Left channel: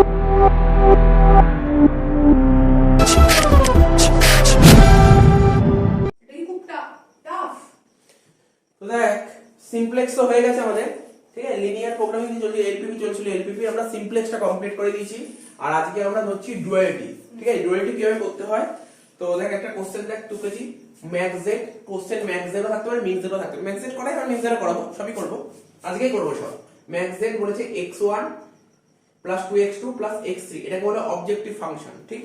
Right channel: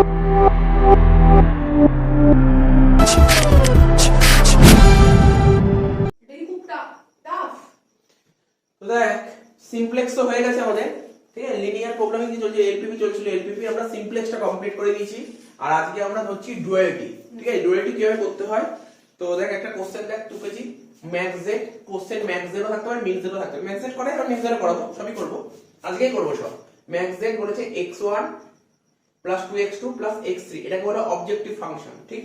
তো দেখ সিমপ্লেক্স তো হয়ে গেছে আমাদের, ঠিক আছে। লিনিয়ার প্রোগ্রামিং দিয়ে চলছে, এলপিপি চলছিল, এলপিপি আমরা সিমপ্লেক্সটা কমপ্লিট করে দিয়েছি। আর আজকে আমরা ধরছি ডুয়ালিটি, ঠিক আছে। ডুয়ালিটি কিভাবে করতে হয়, তো দেখ একটা কোশ্চেন দেখ টুকেছি max Z, question max Z থাকতে পারে, মিন জেড থাকতে পারে। ম্যাক্স জেড করাই আমি জেড করাবো, সবই করব, আজকেই করব সব। ম্যাক্স জেড বলেছে x1 plus 2x2 plus x3, এটাকে বলে অবজেক্টিভ ফাংশন, ঠিক।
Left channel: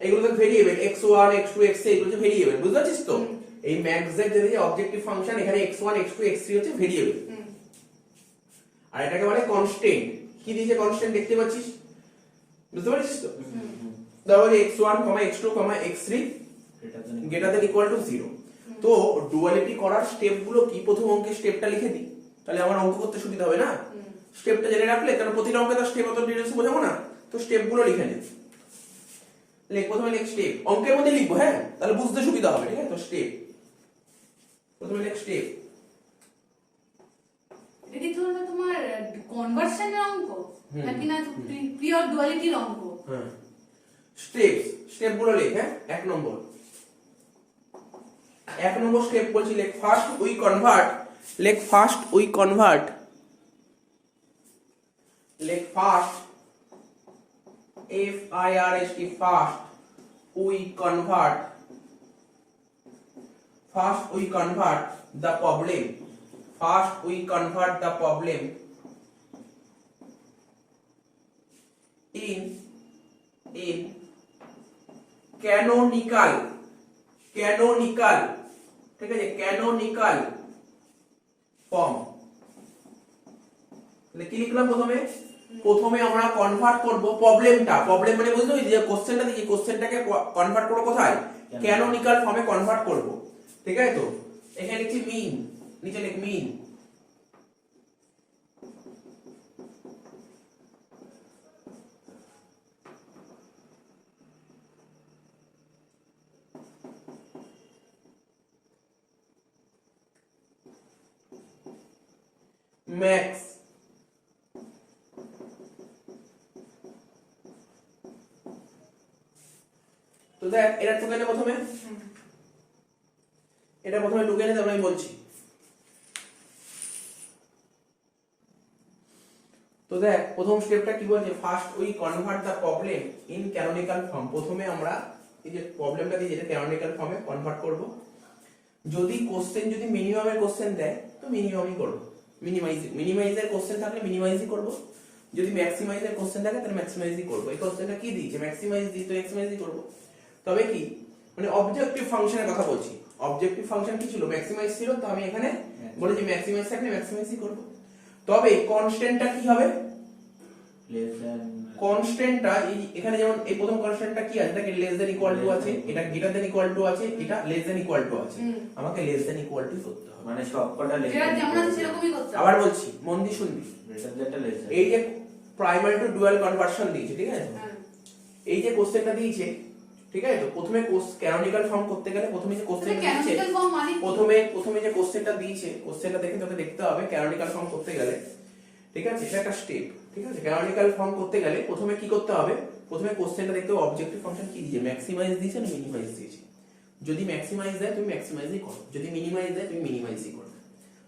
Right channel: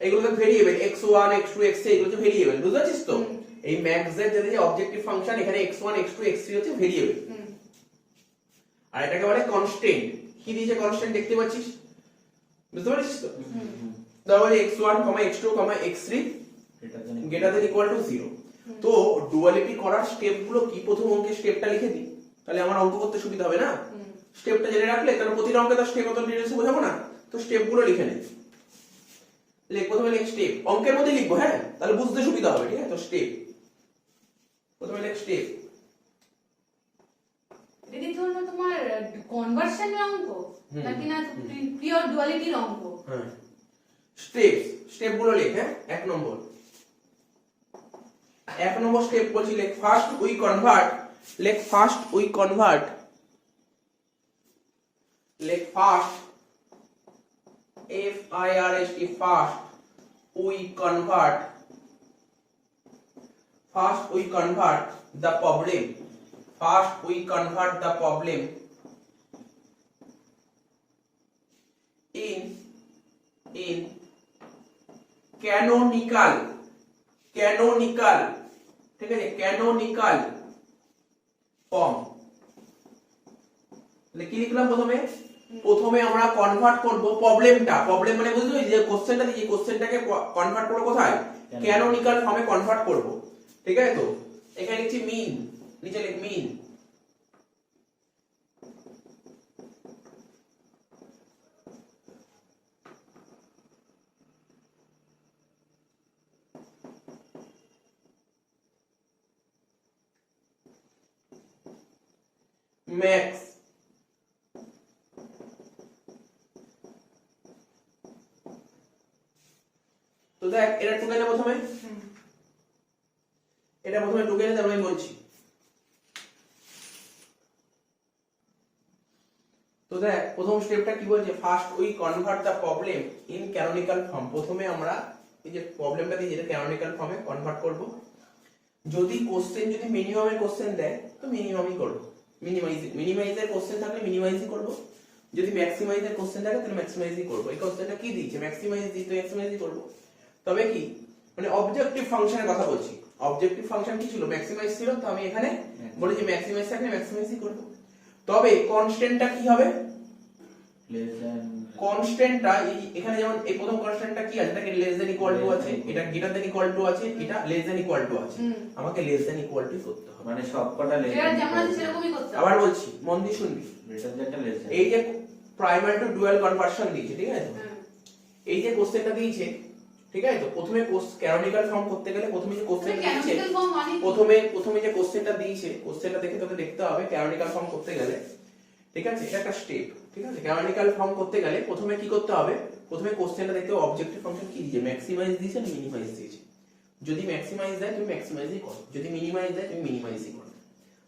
এগুলো তো ভেরিয়েবল, x1 x2 x3 এগুলো হচ্ছে ভেরিয়েবল, বুঝতে পারছিস তো। এই ম্যাক্স জেড যেটা অবজেক্টিভ ফাংশন, এখানে x1 x2 x3 হচ্ছে ভেরিয়েবল, আর এটাকে বলে কনস্ট্যান্ট। কি দিয়েছে কনস্ট্যান্ট দেখতে পাচ্ছিস, বুঝতে পারছিস তো। তাহলে x1, x2, x3 greater than equal to 0। তো ডুয়ালিটি করার স্টেপ গুলো কি, প্রথম অঙ্কের স্টেপটা লিখে দিই, তাহলে আমার অঙ্ক করতে সুবিধা হবে না। স্টেপটা জেনে রাখলে, কারণ প্রতিটা অঙ্কে তো স্টেপ অত ডিটেইলসে বোঝাবো না, তো স্টেপ গুলো লিখে নিই। লিখ, প্রথমে লিখ স্টেপ, অঙ্কের মধ্যে লিখবো, হ্যাঁ, তাহলে বুঝতে সুবিধা হবে, ঠিক আছে। তো স্টেপ, প্রথমে লিখ স্টেপ। এটা কি ধরনের তোমার কনভার্সনের অঙ্ক নাকি না পিওর ডুয়ালিটির অঙ্ক? হ্যাঁ, স্টেপ, স্টেপ গুলো লিখ। হ্যাঁ, এক নম্বর স্টেপ বলছি, লেখ ফার্স্ট উই কনভার্ট, লেখ ফার্স্ট উই কনভার্ট, লেখ first FIRST, first we convert, first we convert the problem, first we convert the problem in canonical, ঠিক আছে, canonical form। তাহলে কি লিখলাম, প্রথমে আমরা কনভার্ট করব প্রবলেমটা, প্রবলেম মানে বুঝলি যে কোশ্চেনটা দিয়েছি, কোশ্চেনটাকে কনভার্ট করব কোথায়, ক্যানোনিক্যাল ফর্মে কনভার্ট করব, ঠিক আছে। তো এখানে লিখছি মিন, নিচে লিখ মিন। ম্যাক্স, তো দেখ এটা টুকে নে প্রথমে, এটা প্রথমে টুকে নে, তারপরে আমি বলছি। তো দেখ প্রথম স্টেপটা কি বলছে, first we convert the problem in canonical form. প্রথমে আমরা এই যে প্রবলেমটা দিয়ে যেটা ক্যানোনিক্যাল ফর্মে কনভার্ট করব। যদি কোশ্চেন যদি মিনিমামের কোশ্চেন দেয় তো মিনিমামই করব, মিনিমাইজের কোশ্চেন থাকলে মিনিমাইজই করব, যদি ম্যাক্সিমাইজের কোশ্চেন থাকে তাহলে ম্যাক্সিমাইজই করব। এই কোশ্চেনটা কি দিয়েছে, ম্যাক্সিমাইজ দিয়েছে, ম্যাক্সিমাইজই করব। তবে কি মানে অবজেক্টিভ ফাংশনের কথা বলছি, অবজেক্টিভ ফাংশন কি ছিল, ম্যাক্সিমাইজ ছিল, তো আমি এখানে বলেছি ম্যাক্সিমাইজ থাকলে ম্যাক্সিমাইজই করব। তবে কনস্ট্যান্টটা কি হবে, কনস্ট্যান্টটা এখানে যেমন এই প্রথম কনস্ট্যান্টটা কি আছে, এটাকে লেস দ্যান ইকুয়াল টু আছে, এটা গ্রেটার দ্যান ইকুয়াল টু আছে, এটা লেস দ্যান ইকুয়াল টু আছে, আমাকে লেস দ্যান ইকুয়াল টু করতে হবে, মানে সবকটা লেস যেটা যেমন আছে সেরকমই করতে হবে। আবার বলছি, মন দিয়ে শুনবি, গ্রেটার দ্যানটা লেস দ্যান, এই যে প্রাইমারি টু ডুয়াল কনভার্সন দিয়েছে, ঠিক আছে। এই যে কোশ্চেনটা দিয়েছে, ঠিক আছে। তো প্রথমে ক্যানোনিক্যাল ফর্ম করতে গেলে প্রথমে যে কোশ্চেনটা দিয়েছে, প্রথমে যে কোশ্চেনটা দিয়েছে, কোশ্চেনটা দেখে তোকে দেখতে হবে ক্যানোনিক্যাল ফর্ম করতে গেলে, ঠিক আছে। এটা একটা স্টেপ, ঠিক আছে। ক্যানোনিক্যাল ফর্ম করতে গেলে প্রথমে কি করতে হবে, প্রথমে কোশ্চেনটা দেখতে হবে অবজেক্টিভ ফাংশন কি দিয়েছে, ম্যাক্সিমাইজ দিয়েছে না মিনিমাইজ দিয়েছে। যদি ম্যাক্সিমাইজ দেয় তুমি ম্যাক্সিমাইজই করো, যদি মিনিমাইজ দেয় তুমি মিনিমাইজই করো।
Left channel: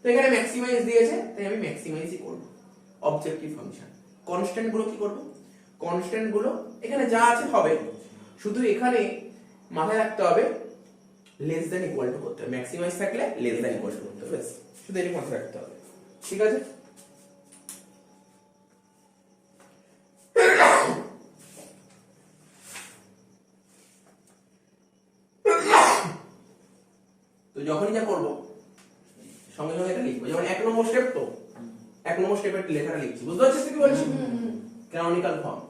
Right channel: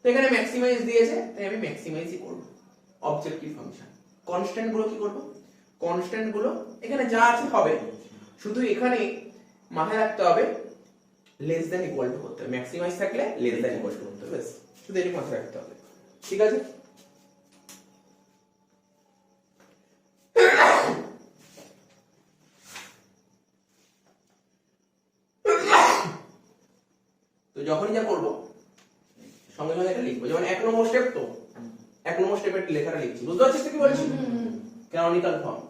তো এখানে ম্যাক্সিমাইজ দিয়েছে তাই আমি ম্যাক্সিমাইজই করব। অবজেক্টিভ ফাংশন কনস্ট্যান্ট গুলো কি করব, কনস্ট্যান্ট গুলো এখানে যা আছে হবে, শুধু এখানে মাথায় রাখতে হবে লেস দ্যান ইকুয়াল টু করতে হবে, ম্যাক্সিমাইজ থাকলে লেস দ্যান ইকুয়াল টু করতে হবে, শুধু এটা মাথায় রাখতে হবে, ঠিক আছে। তো যখনই যা করব সঙ্গে সঙ্গে এটা লিখবো, যেমন এক নম্বর স্টেপ, তো এক নম্বর স্টেপের লেখাটা লিখছি, বুঝতে পারছিস কি বলছি। Canonical form,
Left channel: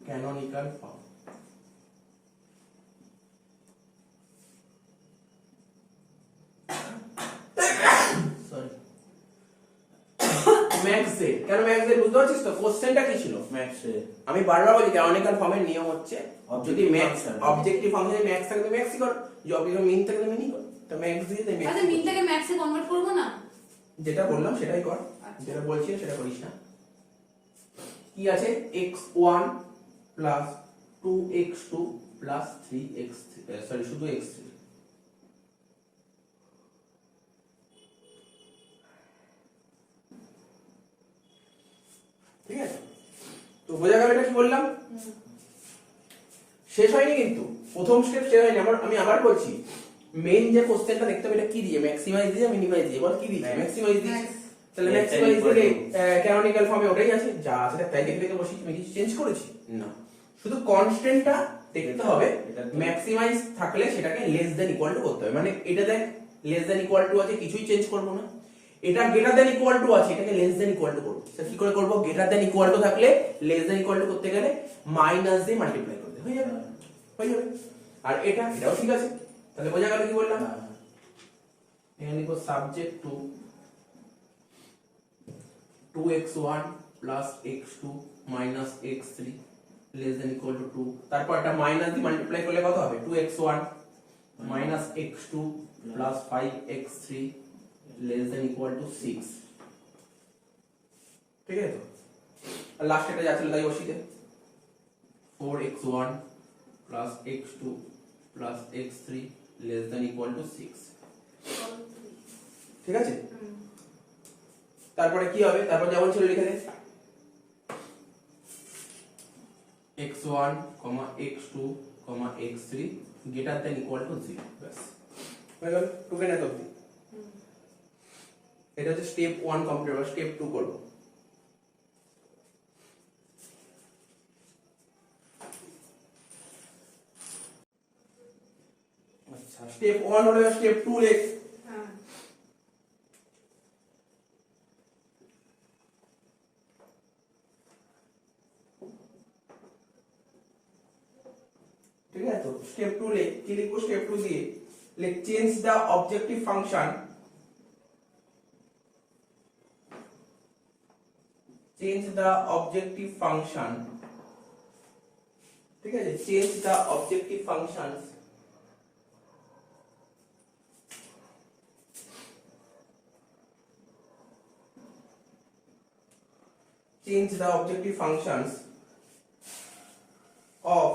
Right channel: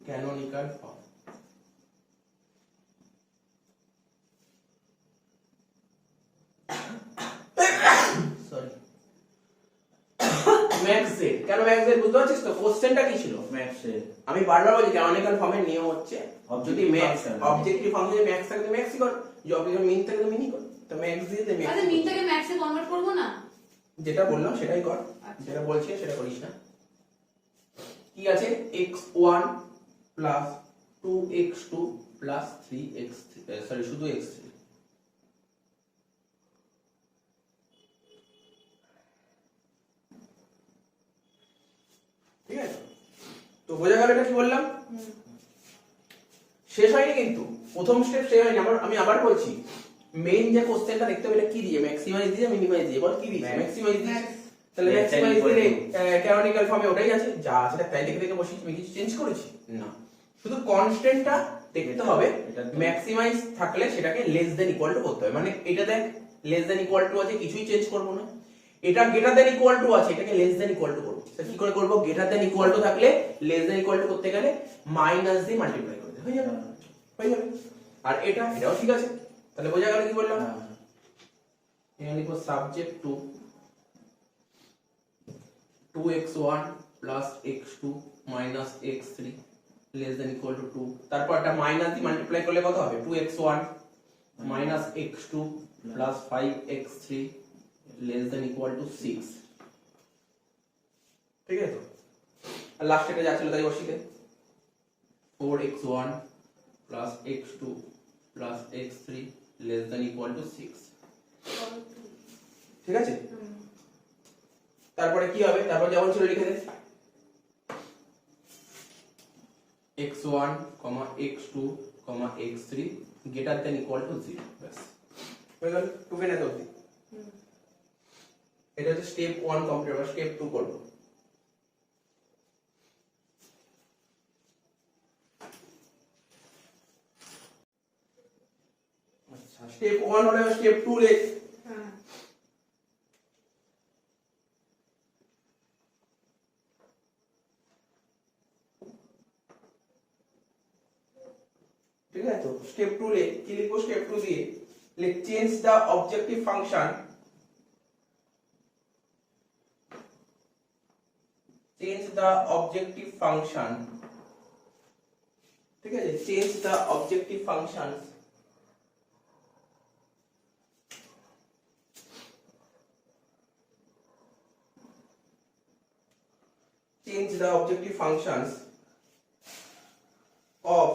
canonical form, sorry max Z, কেন ম্যাক্স জেড বুঝতে পারছিস তো। কোশ্চেনটা কি ছিল, ম্যাক্স এর, আমি বারবার বলি ক্যানোনিক্যাল ফর্মের নিয়ম হচ্ছে যদি ম্যাক্স অবজেক্টিভ ফাংশনে ম্যাক্স থাকে তো ম্যাক্সই কর, যদি অবজেক্টিভ মিন থাকে তো মিনই কর। তো ম্যাক্স দিয়ে তো ম্যাক্স, আচ্ছা মিন থেকে ম্যাক্সে কনভার্ট করব না, যেটা বললাম সেটাই কর, যেটা বলছি সেটা করিস না। কি আছে x1 plus 2x2 plus 3x sorry শুধু x3 ঠিক আছে। তো বোঝা গেল এটা কি বললাম, শেষ হয়নি কিন্তু প্রথম স্টেপ শেষ হয়নি। আমি আবার বলছি, মেইন যে কোশ্চেনটা দেখতে হবে এটা কি দিয়ে, ম্যাক্সিমাইজ দিয়ে মিনিমাইজ দিয়ে, বল কি দিয়ে ম্যাক্সিমাইজ দিয়ে, তাহলে ম্যাক্সিমাইজ দিলে ক্যানোনিক্যাল ফর্মে ওটাই আছে যা আছে তাই লিখে দেখে বসি, তুমি কিছু চেঞ্জ করেছি না, শুধু কনস্ট্যান্টটা দেখতে হবে। ম্যাক্সিমাইজ থাকলে সেটাকে লেস দ্যান ইকুয়াল টু করতে হবে, মানে এটা দেখ লেস দ্যান ইকুয়াল টু আছে কিছুই চেঞ্জ করব না, এটা গ্রেটার দ্যান ইকুয়াল টু আছে এটাকে লেস দ্যান ইকুয়াল টু করব। সেটা কি করে করব, গ্রেটার দ্যান ইকুয়াল টু থাকলে লেস দ্যান ইকুয়াল টু করতে গেলে মাইনাস দিয়ে মাল্টিপ্লাই করতে হয়ে যাবে, হয়ে যাবে। আর এটাও ঠিক আছে, তাহলে বোঝা গেল কি বললাম। এখানে লিখো subject to 2x1 plus x2 minus x3 less than equal to 2, তারপর একটা মাইনাস দিয়ে মাল্টিপ্লাই করলে কত হবে, 2x1 minus x2 plus 5x3 less than equal to 6, ঠিক আছে। তো আর লাস্ট এটা যা ছিল তাই বসিয়ে দে, 4x1 plus x2 plus x3 less than equal to 6, ঠিক আছে। তারপরে কি হবে, তারপর যেমন ছিল লিখে দে, x1, x2, x3 greater than equal to 0, ব্যাস হয়ে গেল। টুকে না তো এটা হচ্ছে স্টেপ 1 কমপ্লিট, আর স্টেপ 2 করব। আচ্ছা স্টেপ 1 হলো, স্টেপ 2 লেখ। ঠিক আছে, তো স্টেপ 2 লেখ, কি লিখবো স্টেপ 2 দিয়ে, লেখ change the objective function, change the objective function, ঠিক আছে, change the objective function change the objective functions of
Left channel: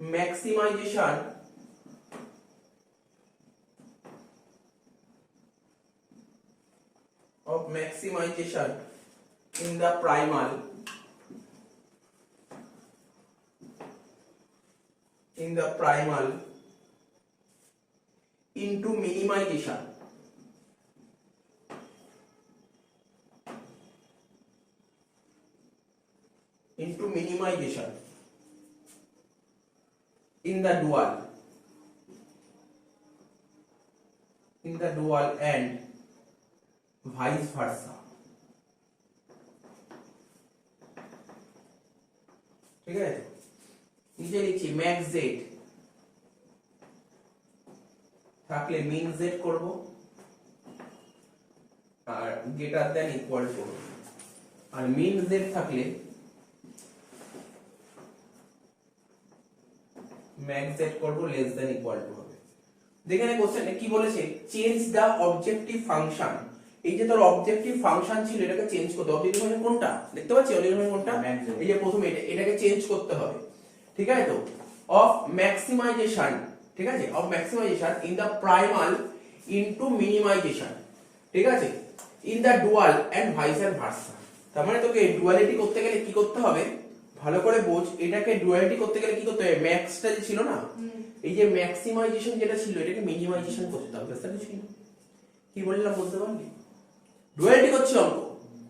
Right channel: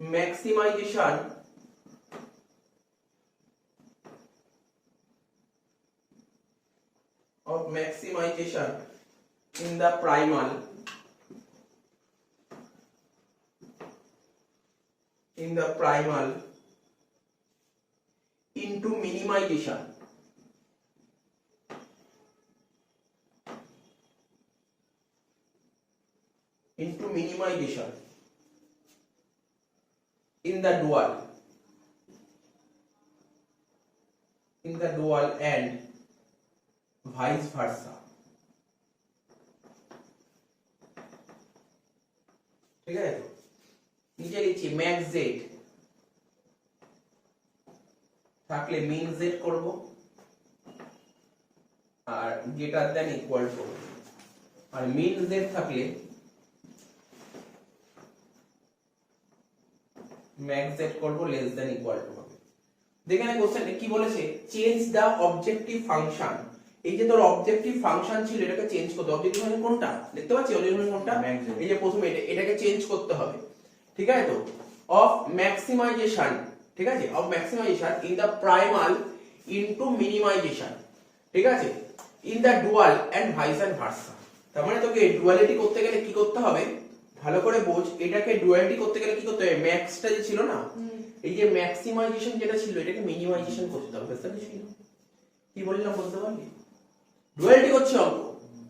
maximization in the primal into minimization in the dual and vice versa, ঠিক আছে। নিচে লিখছি max z থাকলে min z করব আর greater than equal করব, আর min z থাকলে max z করব less than equal to হবে। দেখেন এই কোশ্চেনে কি বলেছে, চেঞ্জ দা অবজেক্টিভ ফাংশন, এই যে তোর অবজেক্টিভ ফাংশন ছিল এটাকে চেঞ্জ করতে হবে। অবজেক্টিভ ফাংশন কোনটা দেখতে পাচ্ছি, অবজেক্টিভ ফাংশন কোনটা, এই যে প্রথমে এটাকে চেঞ্জ করতে হবে, ঠিক আছে। তো অফ ম্যাক্সিমাইজেশন, ঠিক আছে, of maximization in the primal into minimization, ঠিক আছে, in the dual and vice versa. তার মানে তোকে ডুয়ালিটি করতে গেলে কি করতে হবে, ভালো করে বোঝ, এটাকে ডুয়ালিটি করতে গেলে কি করতে হবে, ম্যাক্সটা যে ছিল না, এই যে ম্যাক্সিমাইজেশন যেটা ছিল এটাকে মিনিমাইজেশন করতে হবে, বুঝতে পারছিস কি বললাম, বলতে পারলি। ডুয়ালিটি করছে অঙ্ক,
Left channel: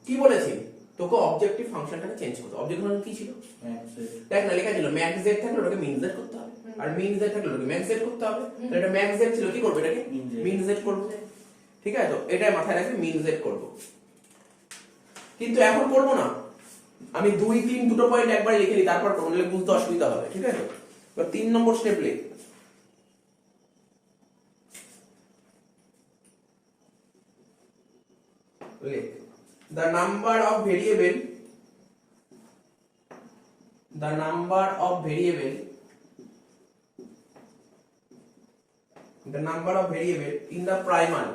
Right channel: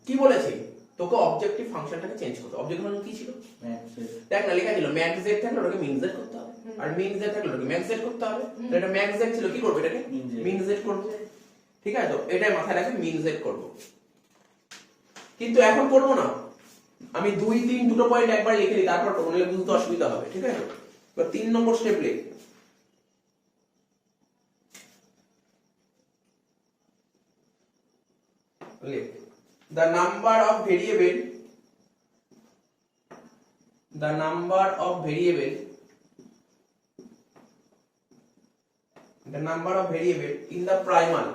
কি বলেছে তোকে অবজেক্টিভ ফাংশনটাকে চেঞ্জ করতে, অবজেক্টিভ ফাংশন কি ছিল, দেখ না লেখা ছিল ম্যাক্স z থাকলে ওটাকে মিন z করতে হবে, আর মিন z থাকলে ওটাকে ম্যাক্স z করতে হবে। তো এটা ম্যাক্স z ছিল, কি করব এটাকে মিন z করব, ঠিক আছে। তো এটাই মাথায় রাখবে মিন z করব, কিন্তু এখন করব না, আমি 2 3 দুটো পয়েন্ট একবার লিখে দিই, তারপর করব, নাহলে বুঝতে অসুবিধা হবে, ঠিক আছে। তো 3 নম্বর স্টেপ লেখ, the number of variable in the primal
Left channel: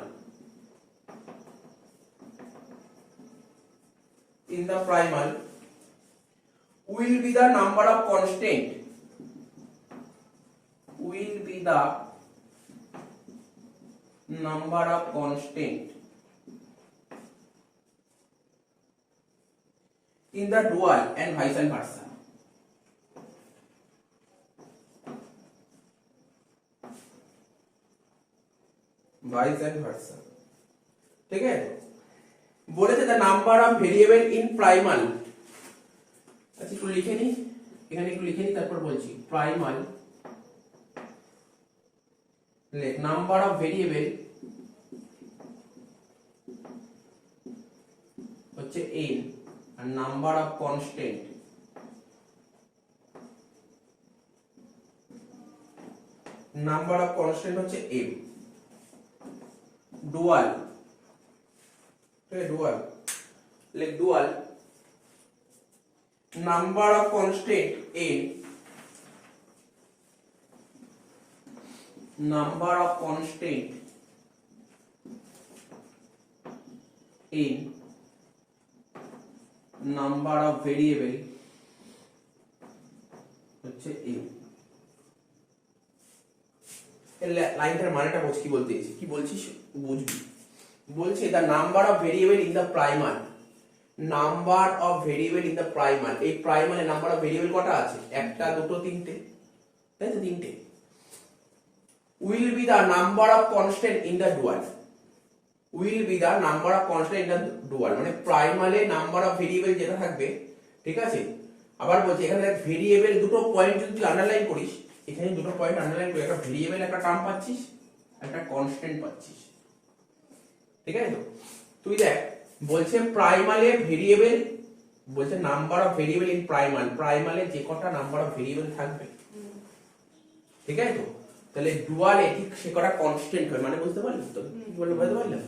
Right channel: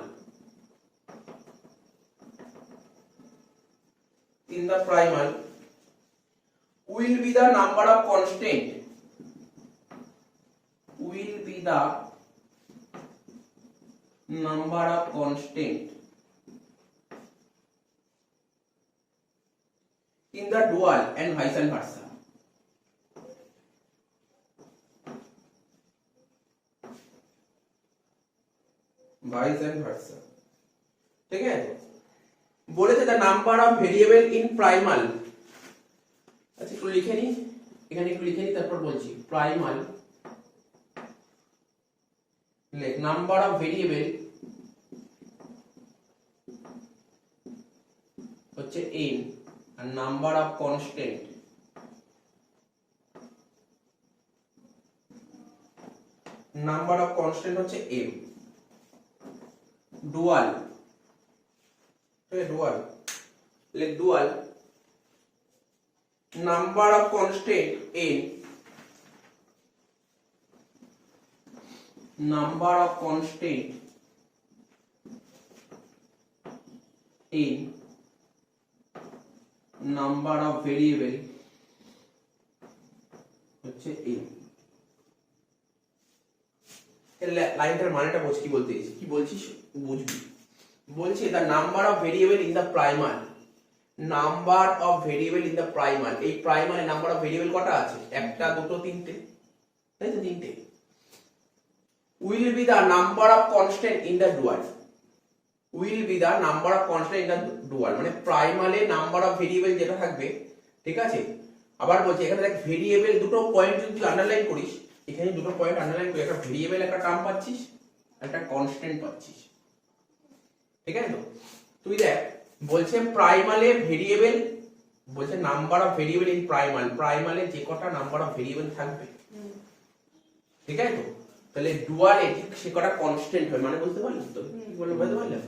will be the number of constant, will be the number of constant in the dual and vice versa. Vice versa. ठीक है, বলেছে the number of variable in primal, আচ্ছা একটু লিখে নি, এখানে একটু লিখে নি তারপর বলছি। primal লেখ নাম্বার অফ ভেরিয়েবল হচ্ছে n আর নাম্বার অফ কনস্ট্যান্ট হচ্ছে m। ডুয়াল, ডুয়াল লেখ dual number of constant n, number of constant in number of variable হচ্ছে m। এই লাইনটার মানেটা বুঝ, কি বলতে চাইছি, কি বলছিস বুঝবি। বলছে the number of variable in the primal, number of variable in the primal, এই primal A number of variable কটা আছে? একটা, দুটো, তিনটে, তাই তো? তিনটে। will be the number of constant in the dual, will be the number of constant in the dual, মানে প্রাইমালে নাম্বার অফ ভেরিয়েবল যেটা থাকবে, ঠিক আছে। আবার বলছি এখানে দেখ ভেরিয়েবল দুটো পয়েন্ট যদি তুই আন্ডারলাইন করিস, এখানে দুটো পয়েন্ট আন্ডারলাইন করি, একটা ভেরিয়েবল একটা টার্ম পাচ্ছিস, একটা কনস্ট্যান্ট পাচ্ছিস, ঠিক আছে তো? তুই দেখ বলছে প্রাইমালে ভেরিয়েবল, বলছে number of variable in primal, প্রাইমালে যে কটা নাম্বার অফ ভেরিয়েবল থাকবে, ঠিক আছে তো? তাহলে ডুয়ালে ঠিক সে কটা কনস্ট্যান্ট হয়, মানে বুঝতে পারলি তো? বলে বুঝতে পারলি?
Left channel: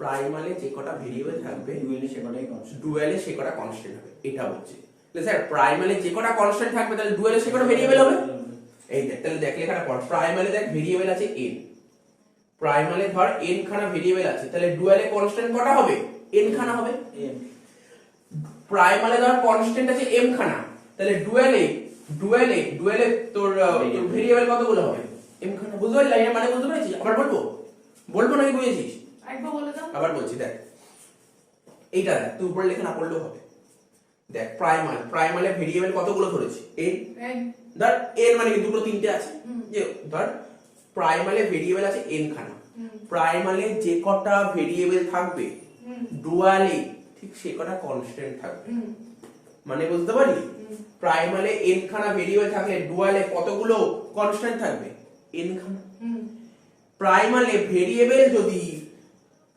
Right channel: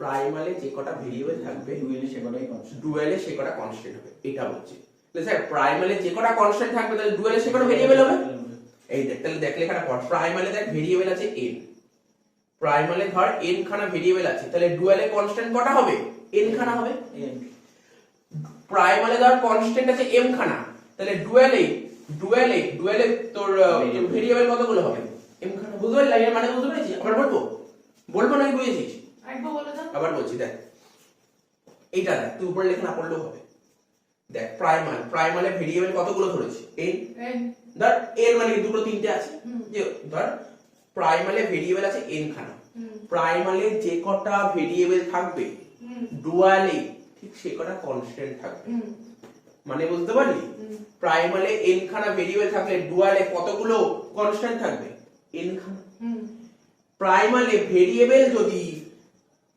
প্রাইমালে যে কটা ভেরিয়েবল থাকবে ডুয়ালে সে কটাই কনস্ট্যান্ট, ডুয়ালে সে কটা কনস্ট্যান্ট হবে, এটা হচ্ছে। তাহলে স্যার প্রাইমালে যে কটা কনস্ট্যান্ট থাকবে তাহলে ডুয়ালে সে কটা ভেরিয়েবল হবে? এই দেখ, তাহলে দেখ লেখাটা পড়। প্রাইমালে দেখ ভেরিয়েবল আছে n, প্রাইমালে ধর n খানা ভেরিয়েবল আছে, তাহলে ডুয়ালে কনস্ট্যান্ট কটা হবে? n খানা হবে। প্রাইমালে ধর কনস্ট্যান্ট আছে m খানা, তাহলে ডুয়ালে তোর ভেরিয়েবল কতগুলো হবে? m খানা। বুঝতে পারলি লাইনের মানে? বুঝতে পেরেছিস? আবার বলবো নাকি বুঝেছিস? একবার বলে দাও। আবার বলছি, দেখ এইটা দেখ, তুই উপরে লেখা না পড়লেও হবে। দেখ প্রাইমালে ভেরিয়েবল কতগুলো ধরেছি? n। ধর n মানে কি দুটো তিনটে আছে, যে ধর প্রাইমালে ভেরিয়েবল আছে n খানা, প্রাইমালে যে কটা ভেরিয়েবল থাকবে ডুয়ালে ঠিক সে কটা কনস্ট্যান্ট থাকবে, মানে বুঝতে পারলি? প্রাইমালে n খানা ভেরিয়েবল থাকলে ডুয়ালে কতগুলো কনস্ট্যান্ট থাকবে? n খানা। প্রাইমালে ভেরিয়েবল যদি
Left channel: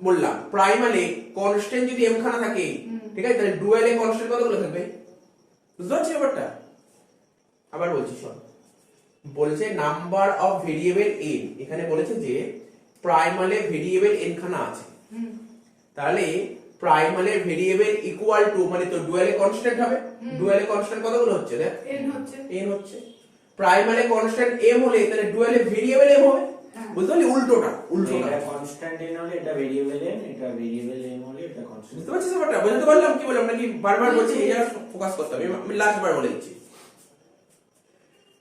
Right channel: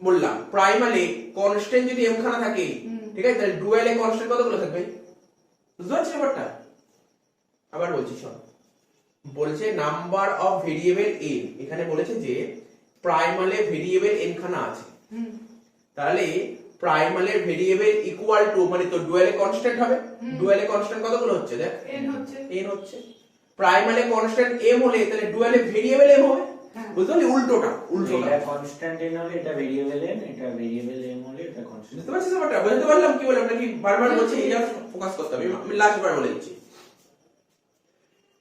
বললাম, প্রাইমালে কনস্ট্যান্ট যদি m খানা থাকে, ঠিক আছে, তাহলে ডুয়ালে কনস্ট্যান্ট কতগুলো থাকবে? বুঝতে পারছিস ব্যাপারটা? আবার বলছি শোন, বলছে নাম্বার অফ ভেরিয়েবল n, এখানে বলেছে যে প্রাইমালে ভেরিয়েবল n খানা আছে, তাহলে প্রাইমালের ভেরিয়েবল ইকুয়াল টু, মানে তো ডুয়ালে কনস্ট্যান্ট হবে, ডুয়ালে কনস্ট্যান্ট কতগুলো হচ্ছে? দেখ n হচ্ছে। প্রাইমালে কনস্ট্যান্ট m হলে তাহলে ডুয়ালে ভেরিয়েবল m হবে, বুঝতে পারলি? উল্টোটা এটা কনস্ট্যান্ট n হলে এটা ভেরিয়েবল n, এটা ভেরিয়েবল m হলে এটা কনস্ট্যান্ট। বুঝতে পারছিস ব্যাপারটা? বুঝতে পারলাম কি বললাম নাকি? বারবার বলছি, এই জায়গা ফোকাস করতে হবে। আমি লাস্ট বার বলে দিচ্ছি।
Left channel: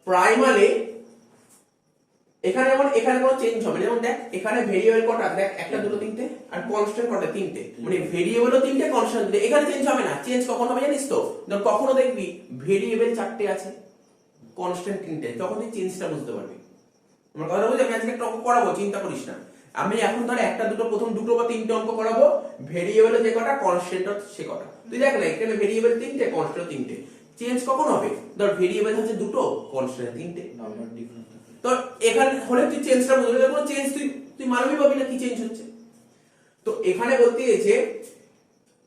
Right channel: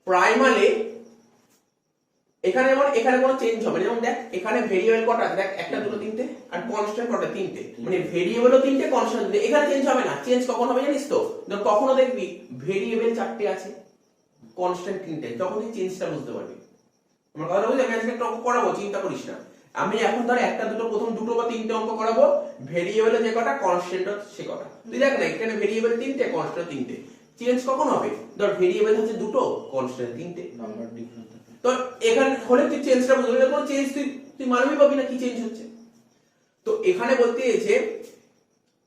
প্রাইমালে এখানে যেমন এখানে কোনো চেঞ্জ হবে না, যেমন দেখ এখানে ভেরিয়েবল কটা? দেখ একটা, দুটো, তিনটে, আর কনস্ট্যান্ট কটা? তিনটে, মানে ভেরিয়েবলও তিনটে, কনস্ট্যান্ট তিনটে। এখানে চেঞ্জ হবে না। চেঞ্জ কখন হবে জানিস তো? কখনো দেখবি ভেরিয়েবল চারটে আছে, কনস্ট্যান্ট তিনটে, তখন তুই চেঞ্জটা বুঝতে পারবি। আমার কথা বুঝলি? আমি আজকে একটা অঙ্ক করাবো, চিন্তা করিস না। আমি এখন ধর একটা, দুটো, প্রথম দুটো বা তিনটে অঙ্ক করাবো, ভেরিয়েবলে যে কটা, কনস্ট্যান্ট সে কটা। তুই দেখ না এখানে ভেরিয়েবল তিনটে, কনস্ট্যান্ট তিনটে, চেঞ্জ কখন হবে? ধর ভেরিয়েবল হচ্ছে দুটো, কনস্ট্যান্ট তিনটে, নাম্বার ডিফারেন্ট। তো এখানে হলে তুই চেঞ্জটা বুঝবি, কোনো চেঞ্জ তুই মানবি পাবি না কি চেঞ্জ হচ্ছে। তো এখানে বলতে চাইছে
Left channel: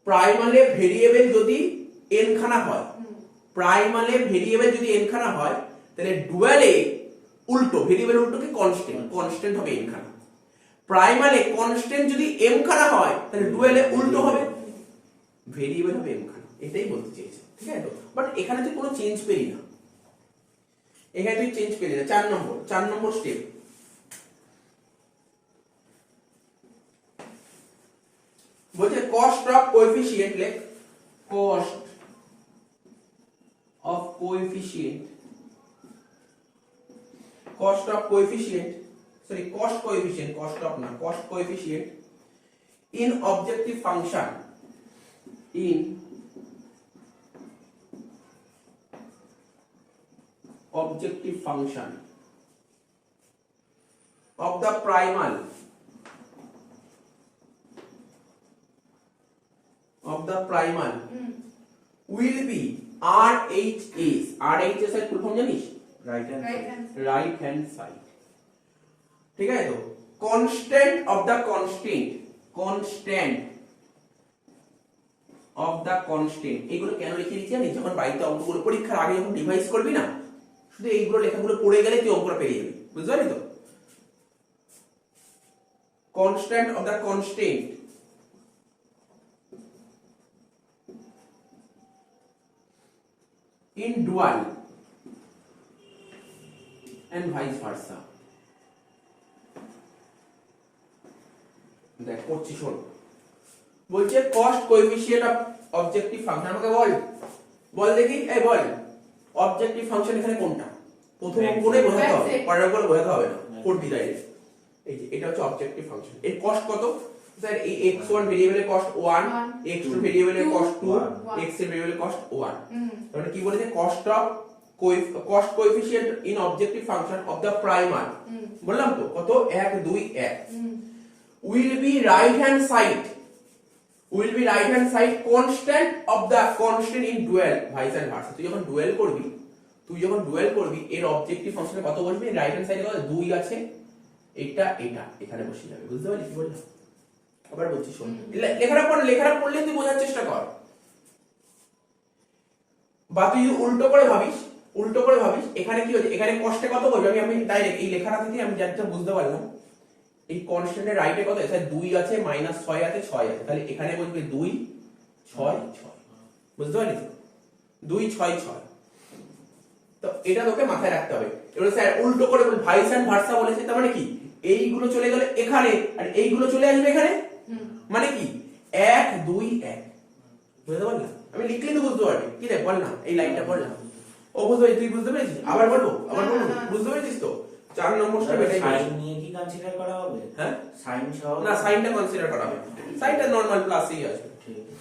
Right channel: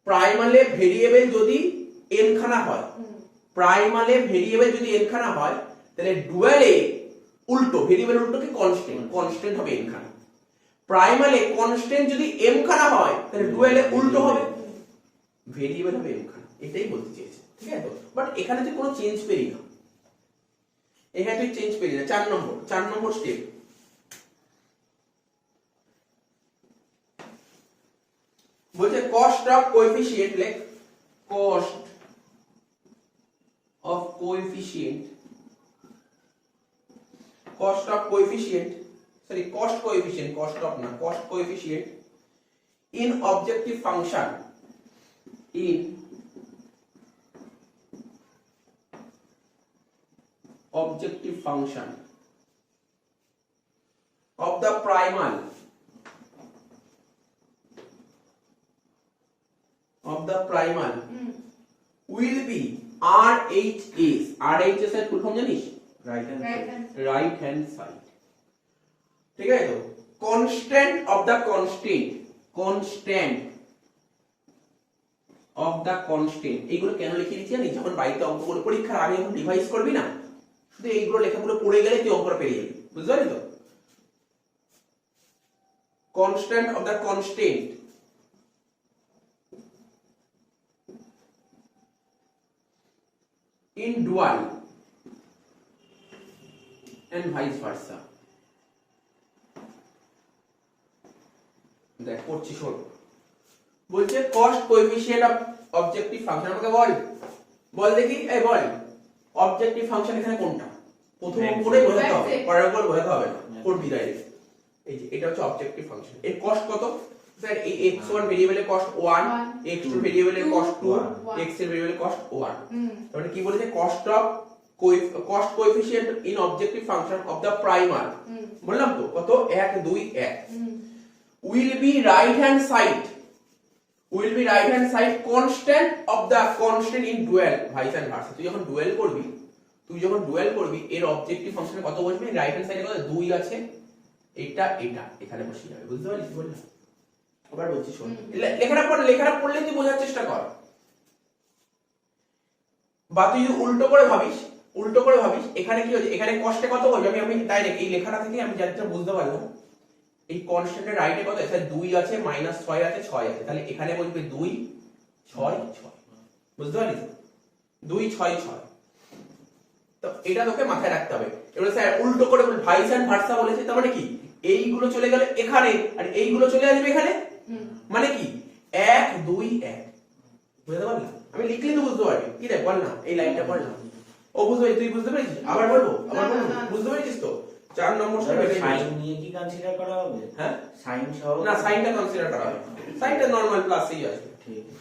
প্রাইমালে ভেরিয়েবল যদি n খানা হয়, প্রাইমালে ভেরিয়েবল যদি n খানা হয়, তাহলে ডুয়ালে উল্টো, ভেরিয়েবল উল্টো কি? কনস্ট্যান্ট হবে n খানা। প্রাইমালে কনস্ট্যান্ট যদি m খানা হয়, তাহলে ডুয়ালে উল্টো হবে, ভেরিয়েবল হবে m খানা। এটাই বলতে চেয়েছে, ঠিক আছে তো? বাট এখানে তুই কোনো চেঞ্জ পেলি না, এখানে তুই চেঞ্জ পেলি না। 4 নম্বর স্টেপ, বলছে কস্ট অফ কোএফিসিয়েন্ট, লেখ cost of coefficient cost coefficient in objective function of the primal will be RHS এর ফুল ফর্ম জানিস? Right hand Right hand. Right hand side, ঠিক আছে? তো কনস্ট্যান্ট অফ দ্য কনস্ট্যান্ট এইগুলো কেন লিখে দিচ্ছি জানিস? যখন বাড়িতে অঙ্কগুলো পরীক্ষার আগে যখন রিভাইজ করবি না, শুধু এইগুলো লেখাগুলো পড়ে গেলে তুই অঙ্কটা পেয়ে যাবি, বুঝতে পারলি তো? Constant of the constant in dual and vice versa. দেখ করছি, শোন। বলছে cost coefficient of objective function. আমাকে বল দেখি, এই বল অবজেক্টিভ ফাংশন এখানে কোনটা? প্রথম অঙ্কটাই বোঝাতে হবে, পরের অঙ্কটা বোঝাতে হবে না। কোনটি ডাইরেক্ট এই যে এটা হচ্ছে অবজেক্টিভ ফাংশন। এর কস্ট কত? স্যার এই x1 ভেরিয়েবলের কস্ট 1, x2 ভেরিয়েবলের কস্ট 2, x এর ভেরিয়েবলের কস্ট 1। তার মানে কি বলেছে? Cost coefficient in objective function of the primal. বললাম তো কত? 1 2 1 will be right hand side constant of the constant in dual vice and versa। তুই যখন ডুয়াল করবি এর অবজেক্টিভ ফাংশনে কত বসবে? রাইট হ্যান্ড সাইডে কত? 2 আছে, এটা এখানে বসে যাবে, বুঝতে পারলি? বললাম আবার বলছি, শোন। লেখাটা পড়লে তুই বোঝার চেষ্টা কর। বা তুই যদি উল্টো করে ভাবিস এখানে কি হচ্ছে? এখানে কষ্টে কত বলবি? আমি ডাইরেক্ট এই লেখাটা থেকে আমি জানতে বুঝতে পারলাম এই কনস্ট্যান্টের রাইটে কত আছে? 2 আছে, -6 আছে, 6 আছে। তাহলে এখানে বলবি 2 6 6, বুঝতে পারলি? 2 6 6। তো এটা তোকে মাথায় রাখতে হবে। এবারে স্যার উল্টো করে বল, ভাইস এন্ড ভার্সা বলেছে, তার মানে কি? এইগুলো চলে গেলে এখানে আর এইগুলো চলে আসবে এখানে, মানে কি 1 2 1, বুঝতে পারলি? আমি লিখলে তো বুঝতে পারবি। কি রে, বল না, এই লাইনটা বল না। ও বুঝতে পারছিস? তুই বুঝতে পেরেছিস? আবার বলবো বুঝতে পেরেছিস তো? 4 নম্বর সাইন নিয়ে কি কনসিডার করা হবে? হ্যাঁ, সাইন সহ না, সাইনটা কনসিডার করা হবে। সাইনটা নরমাল প্লাসেই আসবে। ঠিক আছে।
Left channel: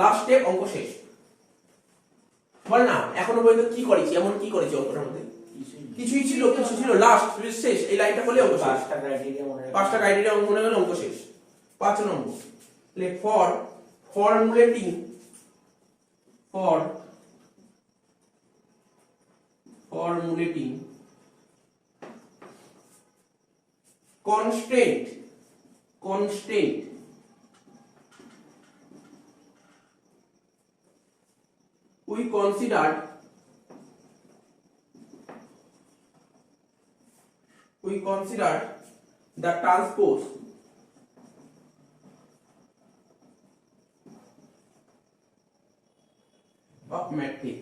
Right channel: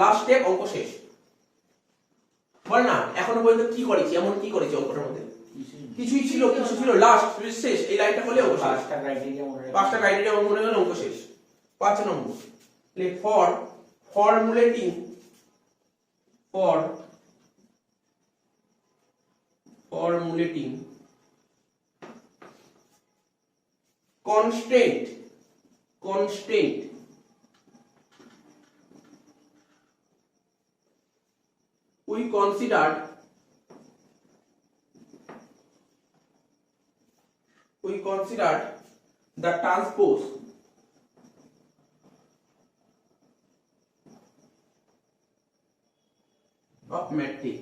লাস্ট স্টেপ, অঙ্ক শেষ। বল না, এখনো পর্যন্ত কি করেছি? অঙ্কটার মধ্যে কিছুই ছিল লাস্ট শেষ। এই লাইনটা বলে অঙ্ক শেষ। 5টা ক্রাইটেরিয়া মনে রাখবে। 5টা ক্রাইটেরিয়া মনে হলো, অঙ্ক শেষ। 5 নম্বর লেখ formulating constant we considered the transpose of matrix।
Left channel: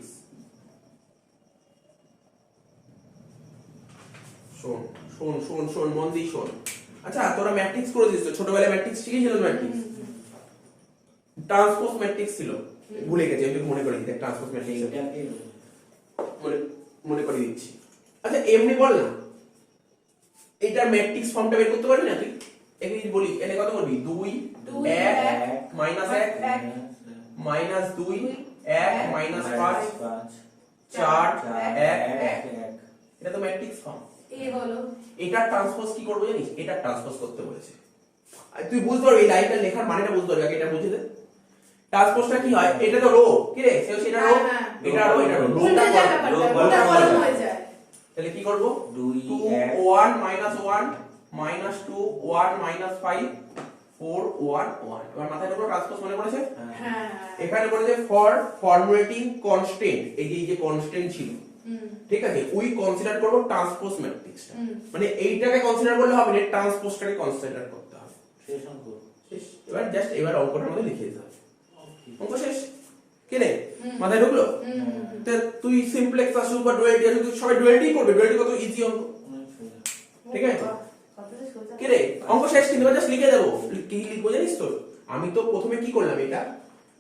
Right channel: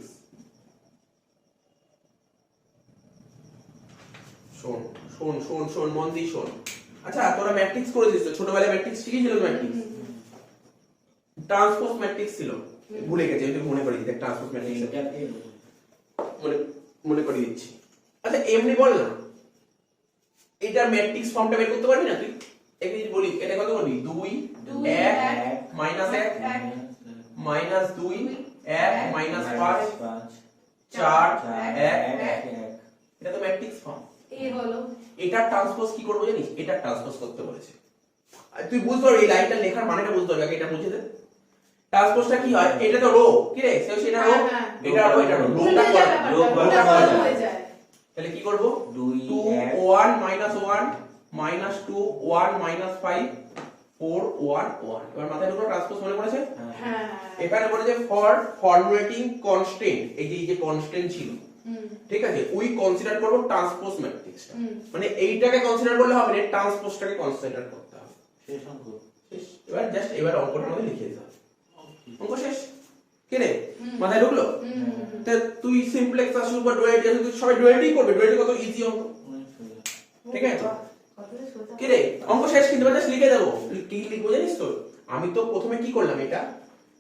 শোন মন দিয়ে শোন। আচ্ছা, তোরা ম্যাট্রিক্স করেছিস তো? ছোটবেলায় ম্যাট্রিক্স শিখেছিল? ম্যাট্রিক্স ট্রান্সপোজ ম্যাট্রিক্স ছিল, ভুলে গেছে। আমি মনে করে দিই, ট্রান্সপোজ ম্যাট্রিক্স মনে করে দিচ্ছি। আচ্ছা, এমনি বল না, এটা ম্যাট্রিক্স ফর্মটা বের করতে পারবি না তুই? একই বলি, এটা কত করবি? 2 1 -1 -2 1 -5 4 1 1। এটা তো ম্যাট্রিক্স ফর্ম। এটা ট্রান্সপোজ কি করব জানিস? এটা ট্রান্সপোজ করতে বলেছে। তুই বুঝতে পারবি, এই লাইনটা লেখার মানেটা বুঝতে পারবি। আগে এটা বুঝে দে। ট্রান্সপোজটা কি হয়? এটা তো রো, কি রে? সেটা রো, এটা রো, রোটা হয়ে যায়। তাহলে কি করব? 2 2 1 -1 -2 1 -5 4 1 1। এবার মাথায় ঢুকলো, ট্রান্সপোজ মনে পড়েছে? এখানে বলেছে ফর ফর্মুলেটিং কনস্ট্যান্ট। এই যে কনস্ট্যান্ট ছিল, ঠিক আছে, উই কনসিডার করব ট্রান্সপোজ ম্যাট্রিক্সটা। মানে এইটাকে কনসিডার করলে হবে না, ট্রান্সপোজটাকে কনসিডার করতে হবে। শেষ অঙ্ক শেষ। এবার অঙ্কটার মধ্যে লিখে দিতে হবে। অঙ্ক শেষ। কি রে, মাথায় ঢুকলো? তা তুই সিমপ্লেক্স আসুক বা ডুয়ালিটি আসুক, তুই সবাই ডুয়ালিটি করবে। ডুয়ালিটি কত ইজি অঙ্ক, ঠিক আছে? কি রে, অঙ্ক শেষ। কিন্তু জাস্ট লিখে দেবো। কি লিখবো জানিস তো? আমি তো প্রথমে কি করলাম, এটা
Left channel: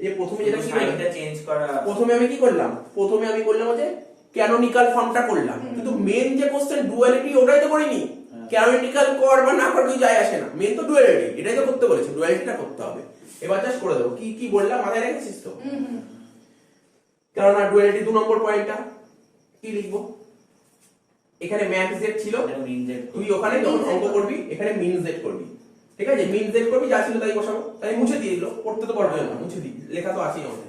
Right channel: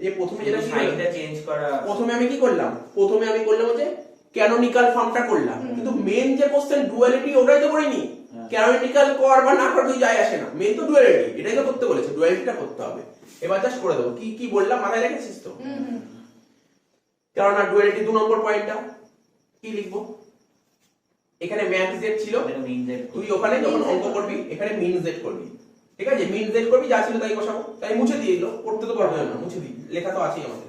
এই প্রথমে যেটা কি সাইনটা চেঞ্জ করা। প্রথমে আমি কি করলাম, প্রথমে আমি করলাম যে ক্যানোনিকাল ফর্মটা করলাম, কিন্তু মেন যে কোশ্চেন ডুয়ালিটি ওটাই তো করিনি। ক্যানোনিকাল কর বা না কর কিছু যায় আসে না, মেন তো ডুয়ালিটি, এটাই তো করতে বলেছে, ডুয়ালিটিটা করতে হবে। এবার জাস্ট করে দেবো, কি কি বললাম মাথায় রেখেছিস তো? কেননা ডুয়ালিটি 2 নম্বর পয়েন্টটা কি লিখবো, এখানে ম্যাক্স জেড ছিল, তুই ওখানে যখন অঙ্ক করবি এখানে মিন জেড করবি, ঠিক আছে? মিন জেড করবি, যা ছিল তাই বসাবো। তাই মুছে দিয়ে দিল, পড়তে তো পারবে না, মুছে দিই, লেখা তো আছেই আমাদের।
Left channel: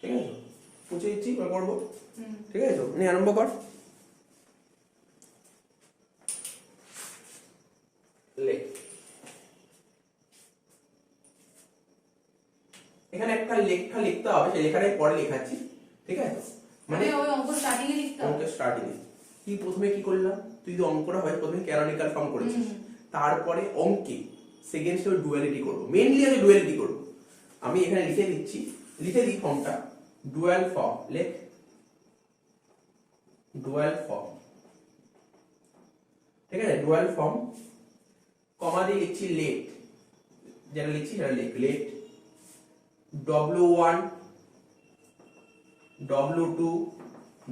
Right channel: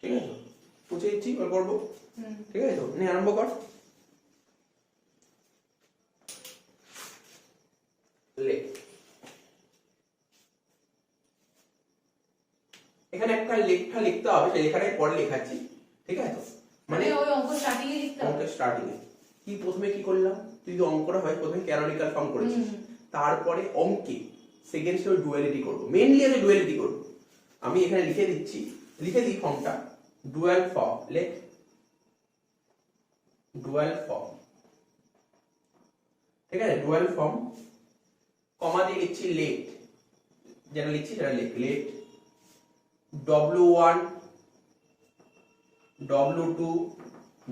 ঠিক আছে, মুছে দিচ্ছি, এবার করবো। ঠিক আছে, তো নিয়ে আরম্ভ কর। লেখ, এখানে একটা লেখা লিখতে হবে, সেই লেখাটাই পরে লেখাচ্ছি, ঠিক আছে? মানে ওই অঙ্ক স্টার্টিং এ লিখতে হবে। অঙ্কের স্টার্টিং এ কি প্রথমে কি করলাম, তুই তো অঙ্কটা হয় প্রথমে ক্যানোনিকাল ফর্ম করেছিস, তারপরে অঙ্কে সেকেন্ড স্টেপে ডুয়ালিটি করব, মেইনলি আমি ডুয়ালিটি করব। আমি এখানে লিখে দিচ্ছি, লিখে দিই ফর্মটা, ডুয়াল ফর্ম, লেখ ডুয়াল ফর্ম, ঠিক আছে? ডুয়াল ফর্ম, কমা দিয়ে লিখছি লেট, যেটা লিখছি সেটা লেখ, লেট W1 W2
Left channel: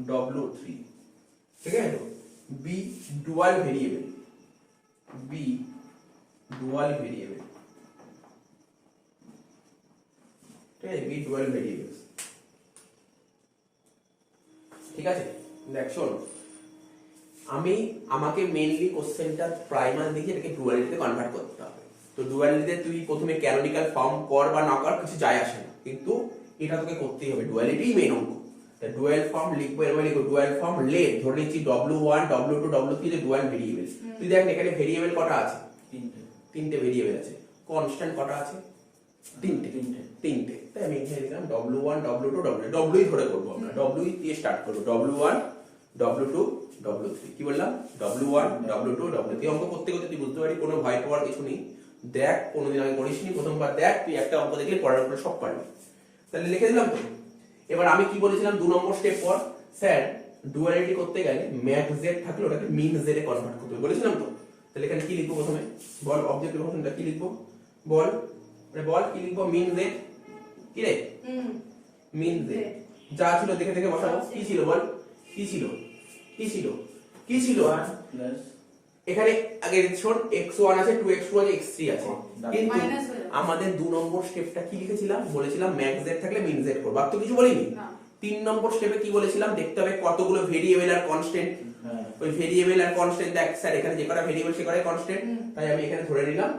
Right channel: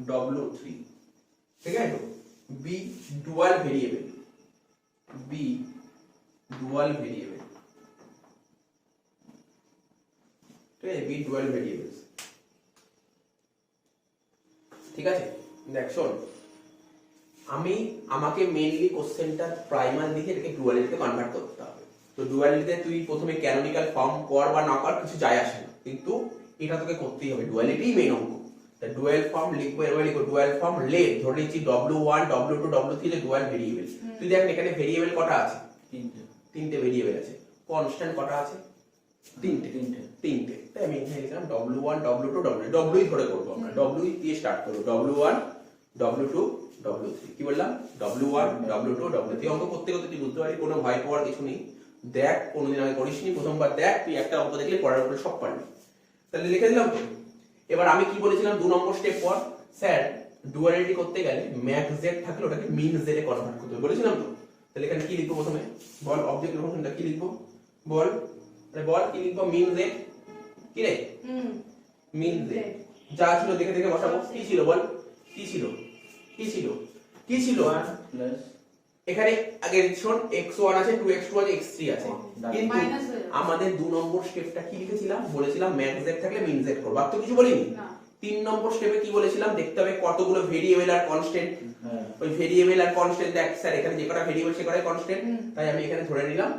W3, ঠিক আছে? B dual variable, B dual variable, ঠিক আছে? B ডুয়াল ভেরিয়েবল, ঠিক আছে? দেখ শোন, আমাকে মেইনলি কোশ্চেনটা প্রাইমারি দিকে এটাকে ডুয়ালিটিতে কনভার্ট করতে হবে। তো ডুয়ালিটিতে তুই প্রথমে ক্যানোনিকাল ফর্ম কর বা না কর কিছু যায় আসে না, কিন্তু এটা তোকে করতেই হবে, ডুয়ালিটিই মেইন অঙ্ক। তা ডুয়াল ফর্ম লিখবো, এরপরে লিখবো ডুয়াল ফর্ম লেট, ধরে নিচ্ছি W1 W2 W3 যে ডুয়াল ভেরিয়েবল। তুই দেখ এখানে ভেরিয়েবল কটা আছে, তিনটে ভেরিয়েবল আছে। কনস্ট্যান্ট কটা আছে, তিনটে। তাই আমি এখানে লিখলাম W1 W2 W ধরে করবো আমরা, W দিয়ে স্টার্ট করবো, W1 W2 W3, কি বললাম, W1 W2 W3। অঙ্ক করতে করতে তুই বুঝতে পারবি, কোনো ভয় পাওয়ার কিছু নেই। দেখ, কোনোদিন আগে করিসনি, প্রথমবার দেখ, তুই একটা অঙ্ক দেখলে পড়ার উপরে সব পারবি। তাহলে লিখে দিলাম তো। এবার আমি কি বলেছিলাম 2 নম্বর স্টেপ পর, স্যার ডুয়ালিটি করতে গেলে ম্যাক্স জেড থাকলে ওটাকে মিন জেড এ কনভার্ট করতে হবে, বলেছিলাম তো। তাহলে এখানে কি লিখবো প্রথমে, বল, অবজেক্টিভ ফাংশনটা কি লিখবো, বল কি লিখবো, মিন জেড, কি রে, মিন জেড, যা ছিল দেখে দেখে বসাবো। কি ছিল বল, কি ছিল এখানে আগে শোন, x1 আছে, 2x2 আছে, x3 আছে, কিন্তু আমাদের 2 নম্বর স্টেপটা কি লিখেছিলাম, বলেছিলাম ম্যাক্স জেড থাকলে মিন জেড করব, আর তো কিছু বলিনি। 3 নম্বর স্টেপে কি বলেছিলাম, দেখতে হবে কতগুলো ভেরিয়েবল আর কনস্ট্যান্ট। ওই ভেরিয়েবল আর কনস্ট্যান্ট, দেখ স্যার এখানে যে কটা ভেরিয়েবল সে কটা কনস্ট্যান্ট, তাই আমি এখানে ধরে নিলাম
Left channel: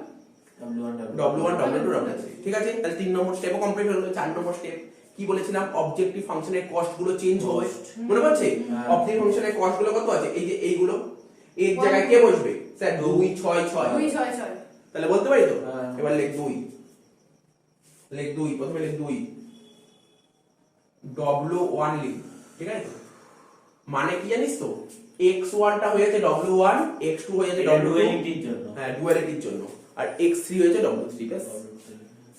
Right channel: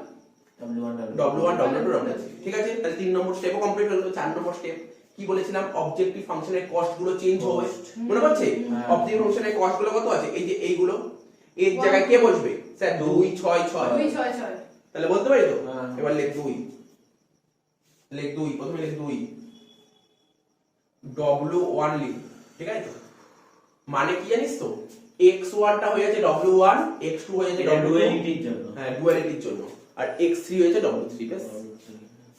W1 W2 W3, ঠিক আছে? তাহলে 3 নম্বর স্টেপও কমপ্লিট হলো। 4 নম্বর স্টেপ কি বলেছিলাম, অবজেক্টিভ ফাংশনের কস্ট গুলো চেঞ্জ হবে, মনে পড়ছে? অবজেক্টিভ ফাংশনের কস্ট গুলো কত আছে, এই যে এইগুলো, এর জায়গায় কে বসবে, স্যার 2 6 6, তাহলে বলতে পারি তো। এবার লেখ 2, প্রথমে লেখ 2 W1 লিখ, ঠিক আছে? মানে কি জানিস তো, x1 টা হয়ে যাচ্ছে W1, x2 হয়ে যাচ্ছে W2, ডুয়ালিটির জন্য, হ্যাঁ ডুয়ালিটির জন্য, আর x3 হয়ে যাচ্ছে W3, ব্যাস।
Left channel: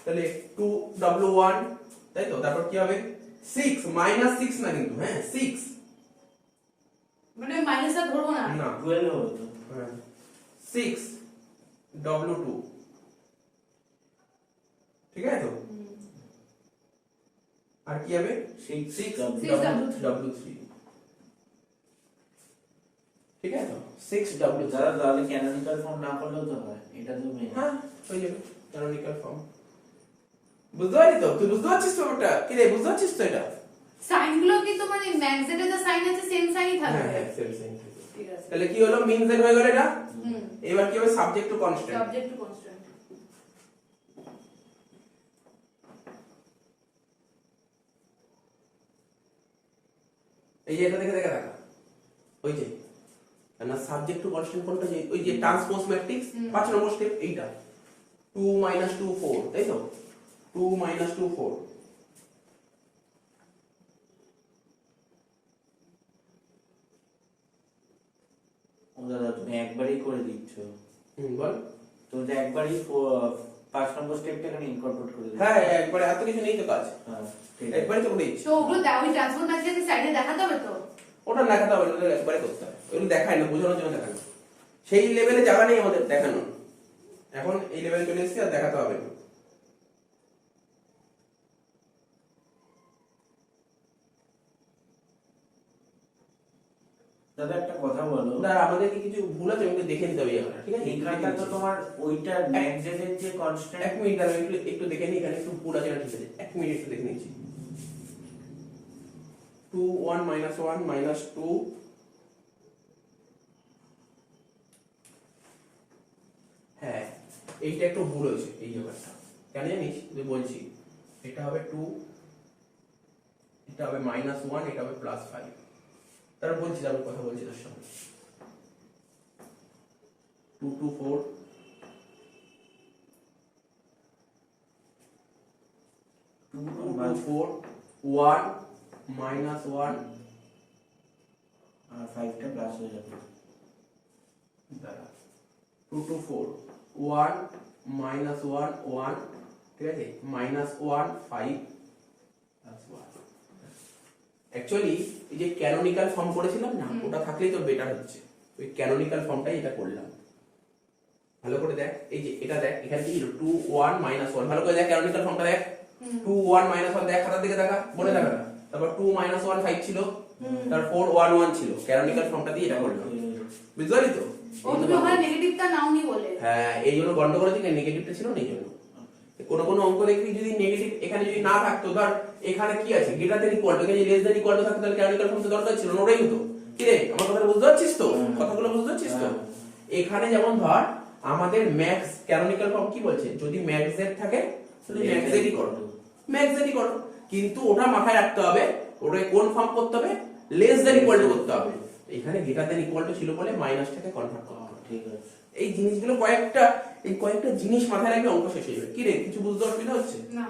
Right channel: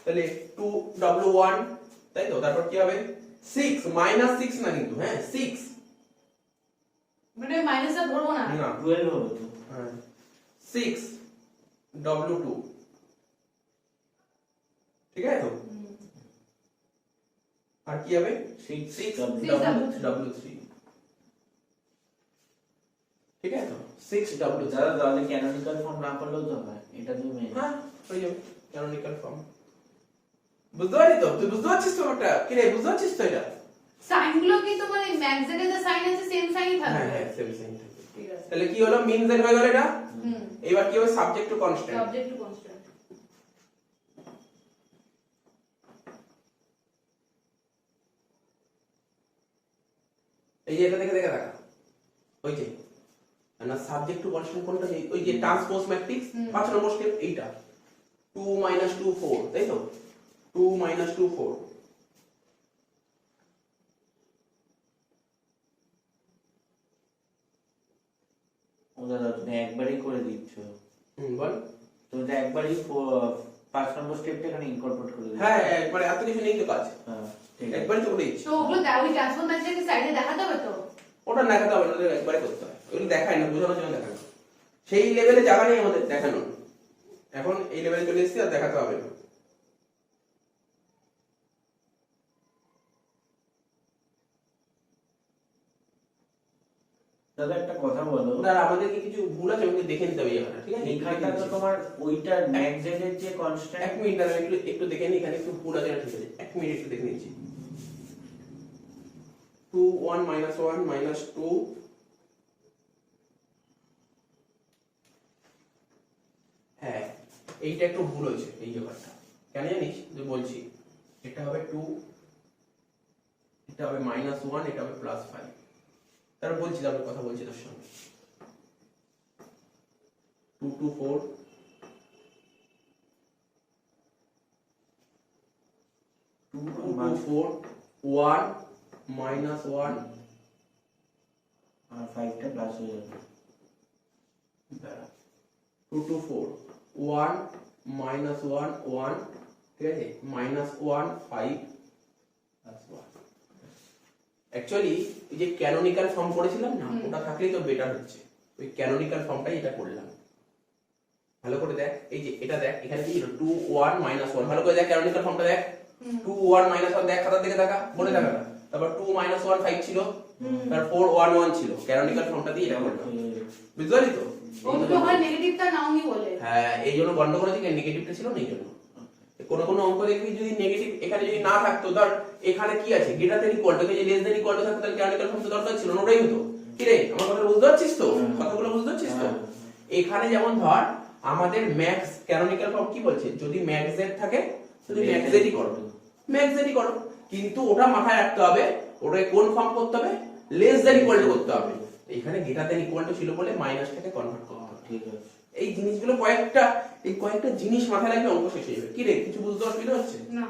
তাহলে 2W1, তাই তো, তারপর কি হবে 6 -6 না কিন্তু, হ্যাঁ 6, মানে মাইনাসটা ধরবো না, না 12 হবে তো, হ্যাঁ 6 W2, ঠিক আছে তো? আর কি হবে 6 W3, ঠিক আছে তো, 6 W3, তাহলে ক্যানোনিকাল ফর্ম না করলেও তো হয়, এটা তো মেইন। হ্যাঁ হয়ে যাবে ক্যানোনিকাল ফর্ম। বুঝতে পারলি তো, তুই বুঝতে পারছিস তো ওটা, কি রে, বুঝতে পারছিস তো এটা? সাইন গুলো কি তো মানে ম্যাক্স এর যে সাইন আছে সেম সাইনই থাকবে, হ্যাঁ সেম সেম থাকবে। ঠিক আছে। তাহলে কি হলো, মিন জেড হয়ে গেল এটা। এবার কি হবে, subject to constant, subject to constant, এই যে এটা দেখে দেখে দেখা, ওই যে না সাবজেক্ট টু কনস্ট্যান্ট কোনটা, যে ওই যে ট্রান্সপোজ ম্যাট্রিক্স 5 নম্বর স্টেপ, এইটা 2 - 2 4, তাই তো, 2 - 2 4, ও দাদা তুমি একবারই করে দিচ্ছ, বল, তুমি তো একবারই 5 নম্বর স্টেপটা এখানে ইনকর্পোরেট করে দিই। হ্যাঁ একবারে এত কিছু নেই তো কাজ, হ্যাঁ ঠিক আছে। একবারে তো বলে দিচ্ছি। তো ওগুলো ওই ট্রান্সফার ম্যাট্রিক্স সাইডে দেখাতে হবে তো? ওটা দেখাতে হবে, ওটা একবারে করতে হয়, ওগুলো দেখায় না, বোঝানোর জন্য দেখানো, সেই লেভেলে জায়গা নেই আমাদের দেখানো, এখন এই লেভেলে চলে এসেছি আর দেখাতে হবে না। দাদা একটা কথা বলো, আর আমাদের কি কিছু ভুল আছে ওকে দেখে নিতে হবে এখানে, ঠিক আছে? এখানটা তো তোমার ওইটা ম্যাগজেনের যে এক কনস্ট্যান্ট, মিনিট আমি একটু দেখে নিই এখানে একটু ভুল আছে না, ঠিক আছে? এক মিনিট একটু দেখে নিচ্ছি। 2 1 -1 -2 হ্যাঁ এইটা একটু ভুল হয়েছে এই ব্যাপারটা, কেন জানিস? তুই বলছি এটা হবে 2, এটা হবে -1, এটা হবে +5। তার বলছি আমি কথা বলছি তোর সঙ্গে। 2 2 4 2 2 4 1 -1 5টা প্লাস হয়ে যাবে। 2 2 4 1 -1 1, ঠিক আছে, -1 5 +1। অ্যাকচুয়ালি এই যে ক্যানোনিক্যাল ফর্ম করেছিলাম না, ওটা থাকলেই তো বেটার হচ্ছে, ওই ক্যানোনিক্যাল ফর্মটাই এটা করলাম। ভালো করে দেখ, এই যে এটা দেখ, এখানে কি ছিল 2 1 -1, ভালো করে দেখ ক্যানোনিক্যাল ফর্মটা দেখ, 2 1 -1 দেখ, খাতার দিকে দেখা, মনে দেখা না, তারপর 2 -1 5 ছিল, তারপর 4 1 1 ছিল, ক্যানোনিক্যাল ফর্মটা দিয়ে এটা করলাম, বুঝতে পারলি তো? ওগুলো ওখানে নেগেটিভটা নাওনি বলে। হ্যাঁ এই জন্য গন্ডগোল হচ্ছে, নেগেটিভটা ছিল না এই জন্য। কোন কোন অঙ্ক দেখবি যদি নেগেটিভ এখানে যদি না থাকতো, ধর এখানে কি আছে গ্রেটার দ্যান ইকুয়াল টু, যদি লেস দ্যান ইকুয়াল টু থাকতো তাহলে ক্যানোনিক্যাল ফর্ম তো দরকার ছিল না, ওটাই হতো। কি রে আমার কথা বুঝতে পারছিস তো? কথাগুলো বুঝতে পারছিস তো? এখানে যেমন ধর আমাদের ম্যাক্স ক্যানোনিক্যাল ফর্ম কি বলছে, যদি ম্যাক্স জেড থাকে তাহলে ম্যাক্স জেডই করো, ম্যাক্স জেডই করো, কিন্তু ওটা মাথায় রাখতে হবে, ওটাকে কোন ফর্ম করতে হবে, লেস দ্যান ইকুয়াল টু করতে হবে। এখানে গ্রেটার দ্যান ইকুয়াল টু ছিল বলে মাইনাসটাকে কনভার্ট করা হবে। ঠিক আছে, এই জিনিসগুলো কয়েকটা জিনিস মাথায় রাখলে অঙ্ক শেষ হয়ে যাবে। কি রে কিছু বুঝতে অসুবিধা হচ্ছে? না।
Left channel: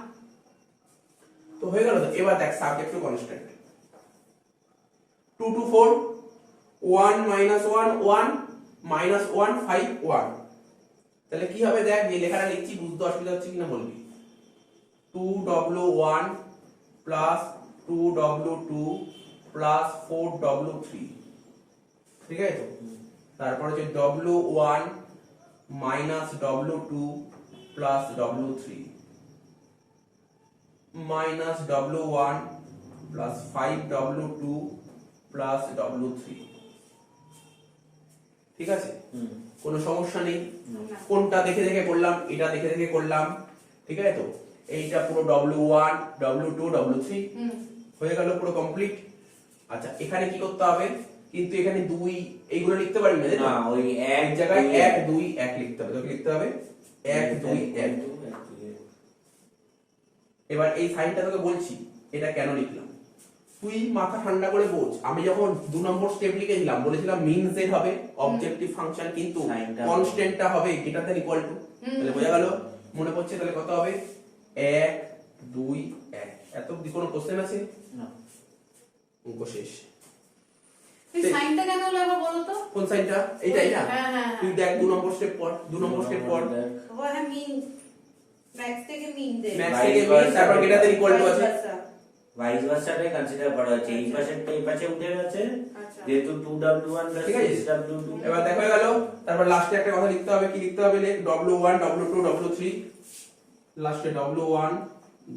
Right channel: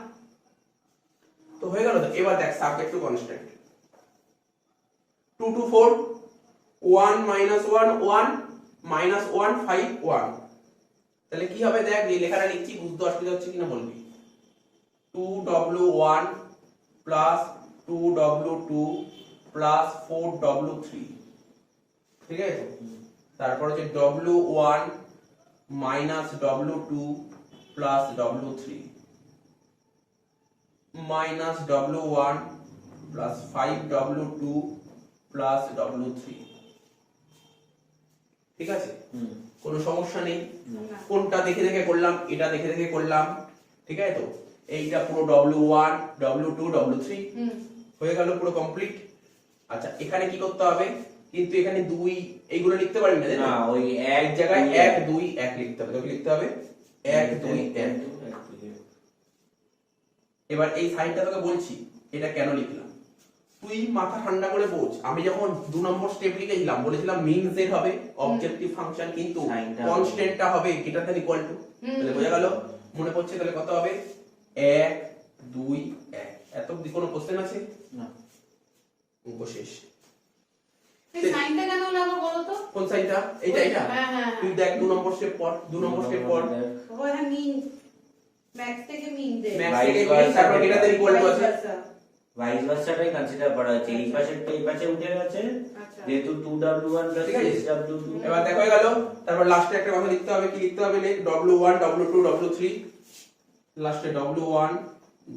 তো হয়ে গেল তো। এবার দেখ সাবজেক্ট টু কনস্ট্যান্ট 2 2 4 1 -1 1 -1 5 1, তাহলে কি হবে দেখ, এই লেখাটা লিখছি, বুঝতে অসুবিধা হচ্ছে কিনা বলবি। 2W1 plus 2W2 plus 4W3, ঠিক আছে? তারপর হচ্ছে W1 minus W2 plus W3 minus W1 plus 5W2 plus W3, ঠিক আছে? কোনো সমস্যা নেই। কোনটা দেখে দেখে করলাম, এটা দেখে দেখে করলাম, ঠিক আছে তো? এইটা পুরো W1 W2 W3 হয়ে গেল, পুরো কমপ্লিট। আচ্ছা এখানে কি করতে হবে, কিন্তু এখানে 2 এইগুলো লিখতে পারবি না, তাই না? ওই এক জায়গায় 1 2 1 লিখতে হবে, তোকে লিখতে হবে 1 2 1। এবার এই সাইনটা তোকে বলছি এটা কেন লিখলাম, তুই মাথা ঠান্ডা করে বোঝ। আমি যখন 2 নম্বর স্টেপ লিখেছিলাম বলেছিলাম মিন জেড হবে অবজেক্টিভ ফাংশন, কিন্তু কনস্ট্যান্টটা হবে গ্রেটার দ্যান ইকুয়াল টু, তাহলে বোঝা গেল? মনে পড়ছে? তাহলে কত হবে 1 2 1। এত কোনো কোশ্চেন আছে না, অঙ্ক শেষ। এই সাইনটা কেন হলো আবার বলো তো? কোন সাইনটা? এইটা এটা হ্যাঁ হ্যাঁ তুই দেখ 2 নম্বর স্টেপ পর, 2 নম্বর স্টেপ পর ওখানে মিন ম্যাক্স থেকে মিন দে, ম্যাক্স থেকে মিন, তারপর গ্রেটার দ্যান ইকুয়াল টু আছে, ভাইস ভার্সাটাই কনসিডার করা হচ্ছে। এই পাশেরটা এই পাশে উঠে গেছে, আচ্ছা যেহেতু 2W1 ঠিক আছে? 6W2। এবার দেখো হয়ে গেল। তারপর লাস্টে একটা কথা লিখতে হবে, কি লিখতে হবে? লিখ W1 W2 W3, লাস্টে W1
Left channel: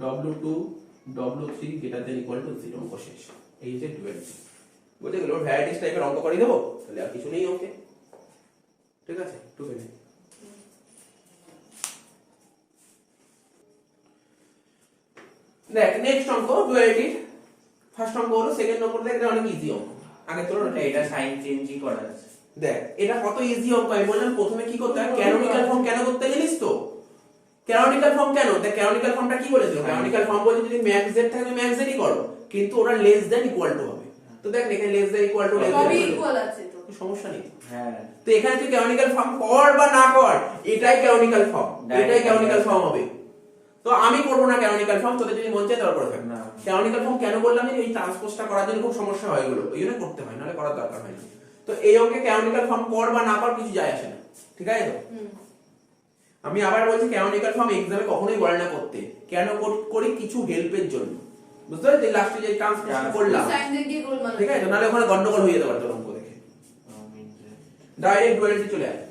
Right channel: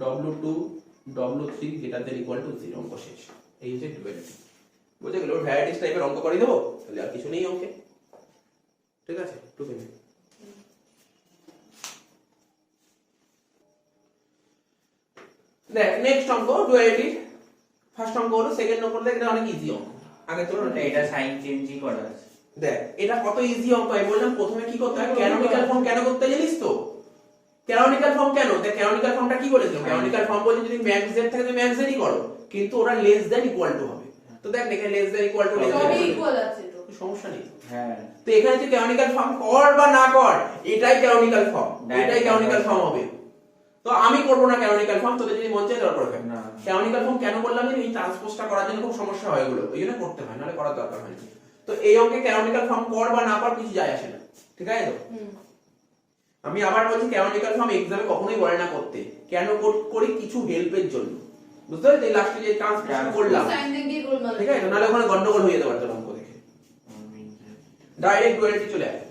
W2 W3 greater than equal to 0, অঙ্ক শেষ। এই হচ্ছে ডুয়ালিটি, বুঝে গেল? ভ্যারাইটিস টাইপের অঙ্ক করে দেবো, তাহলে আর কিছু নেই ওকে, ঠিক আছে? টুকে নেই। দেখ নেক্সট অঙ্ক ডুয়ালিটি, ফার্স্ট অঙ্ক হলো, সেকেন্ড অঙ্ক দেখ, এটা অনেক ইজি অঙ্ক। আগে চলো না, এটা সাইন চেঞ্জই করা আছে। দেখ এটা কত ইজি অঙ্ক। আমি বললাম প্রথমে কি করতে হয়, ক্যানোনিক্যাল ফর্ম কেন করতে জানিস তো? ক্যানোনিক্যাল ফর্ম কেন? দেখ ক্যানোনিক্যাল ফর্মটা কি বলেছে, ক্যানোনিক্যাল ফর্ম বলছে যদি ম্যাক্স জেড থাকে তুমি ম্যাক্স জেডই করো, কিন্তু ওটা লেস দ্যান ইকুয়াল টু হবে। তো দেখ এখানে লেস দ্যান ইকুয়াল টু সবই ইকুয়াল আছে তো, সমস্যা নেই। হ্যাঁ, তো এখানে তুই ক্যানোনিক্যাল ফর্ম কর বা না কর, এটাই ক্যানোনিক্যাল ফর্ম, এটাই ক্যানোনিক্যাল ফর্ম হবে। তো আমি করবো না ক্যানোনিক্যাল ফর্ম, তোদের যদি মন চায় দরকার হবে না। ক্যানোনিক্যাল ফর্ম কেন বললাম, এই ট্রান্সপোজটা করার জন্য খুব সমস্যা হয় এগুলো, ওই জন্য করতে হয়, নাহলে করার দরকার হয় না। তো এই অঙ্কে ক্যানোনিক্যাল ফর্ম কর বা না কর কিছু যায় আসে না, ঠিক আছে তো? আমি আবার বলছি ক্যানোনিক্যাল ফর্ম এক্সামে কখনোই বলে না করতে, কেন করি কিছু হেল্পের জন্য, বুঝতে পারলি? লাস্টে যে ট্রান্সলেশন করলাম, সাইন দিয়ে গোলমাল ঠিক আছে? তো নাহলে ওখানে গন্ডগোল হয়ে যেতে পারতো অঙ্ক দেখে। ডাইরেক্ট ডুয়ালিটি চলে আসে,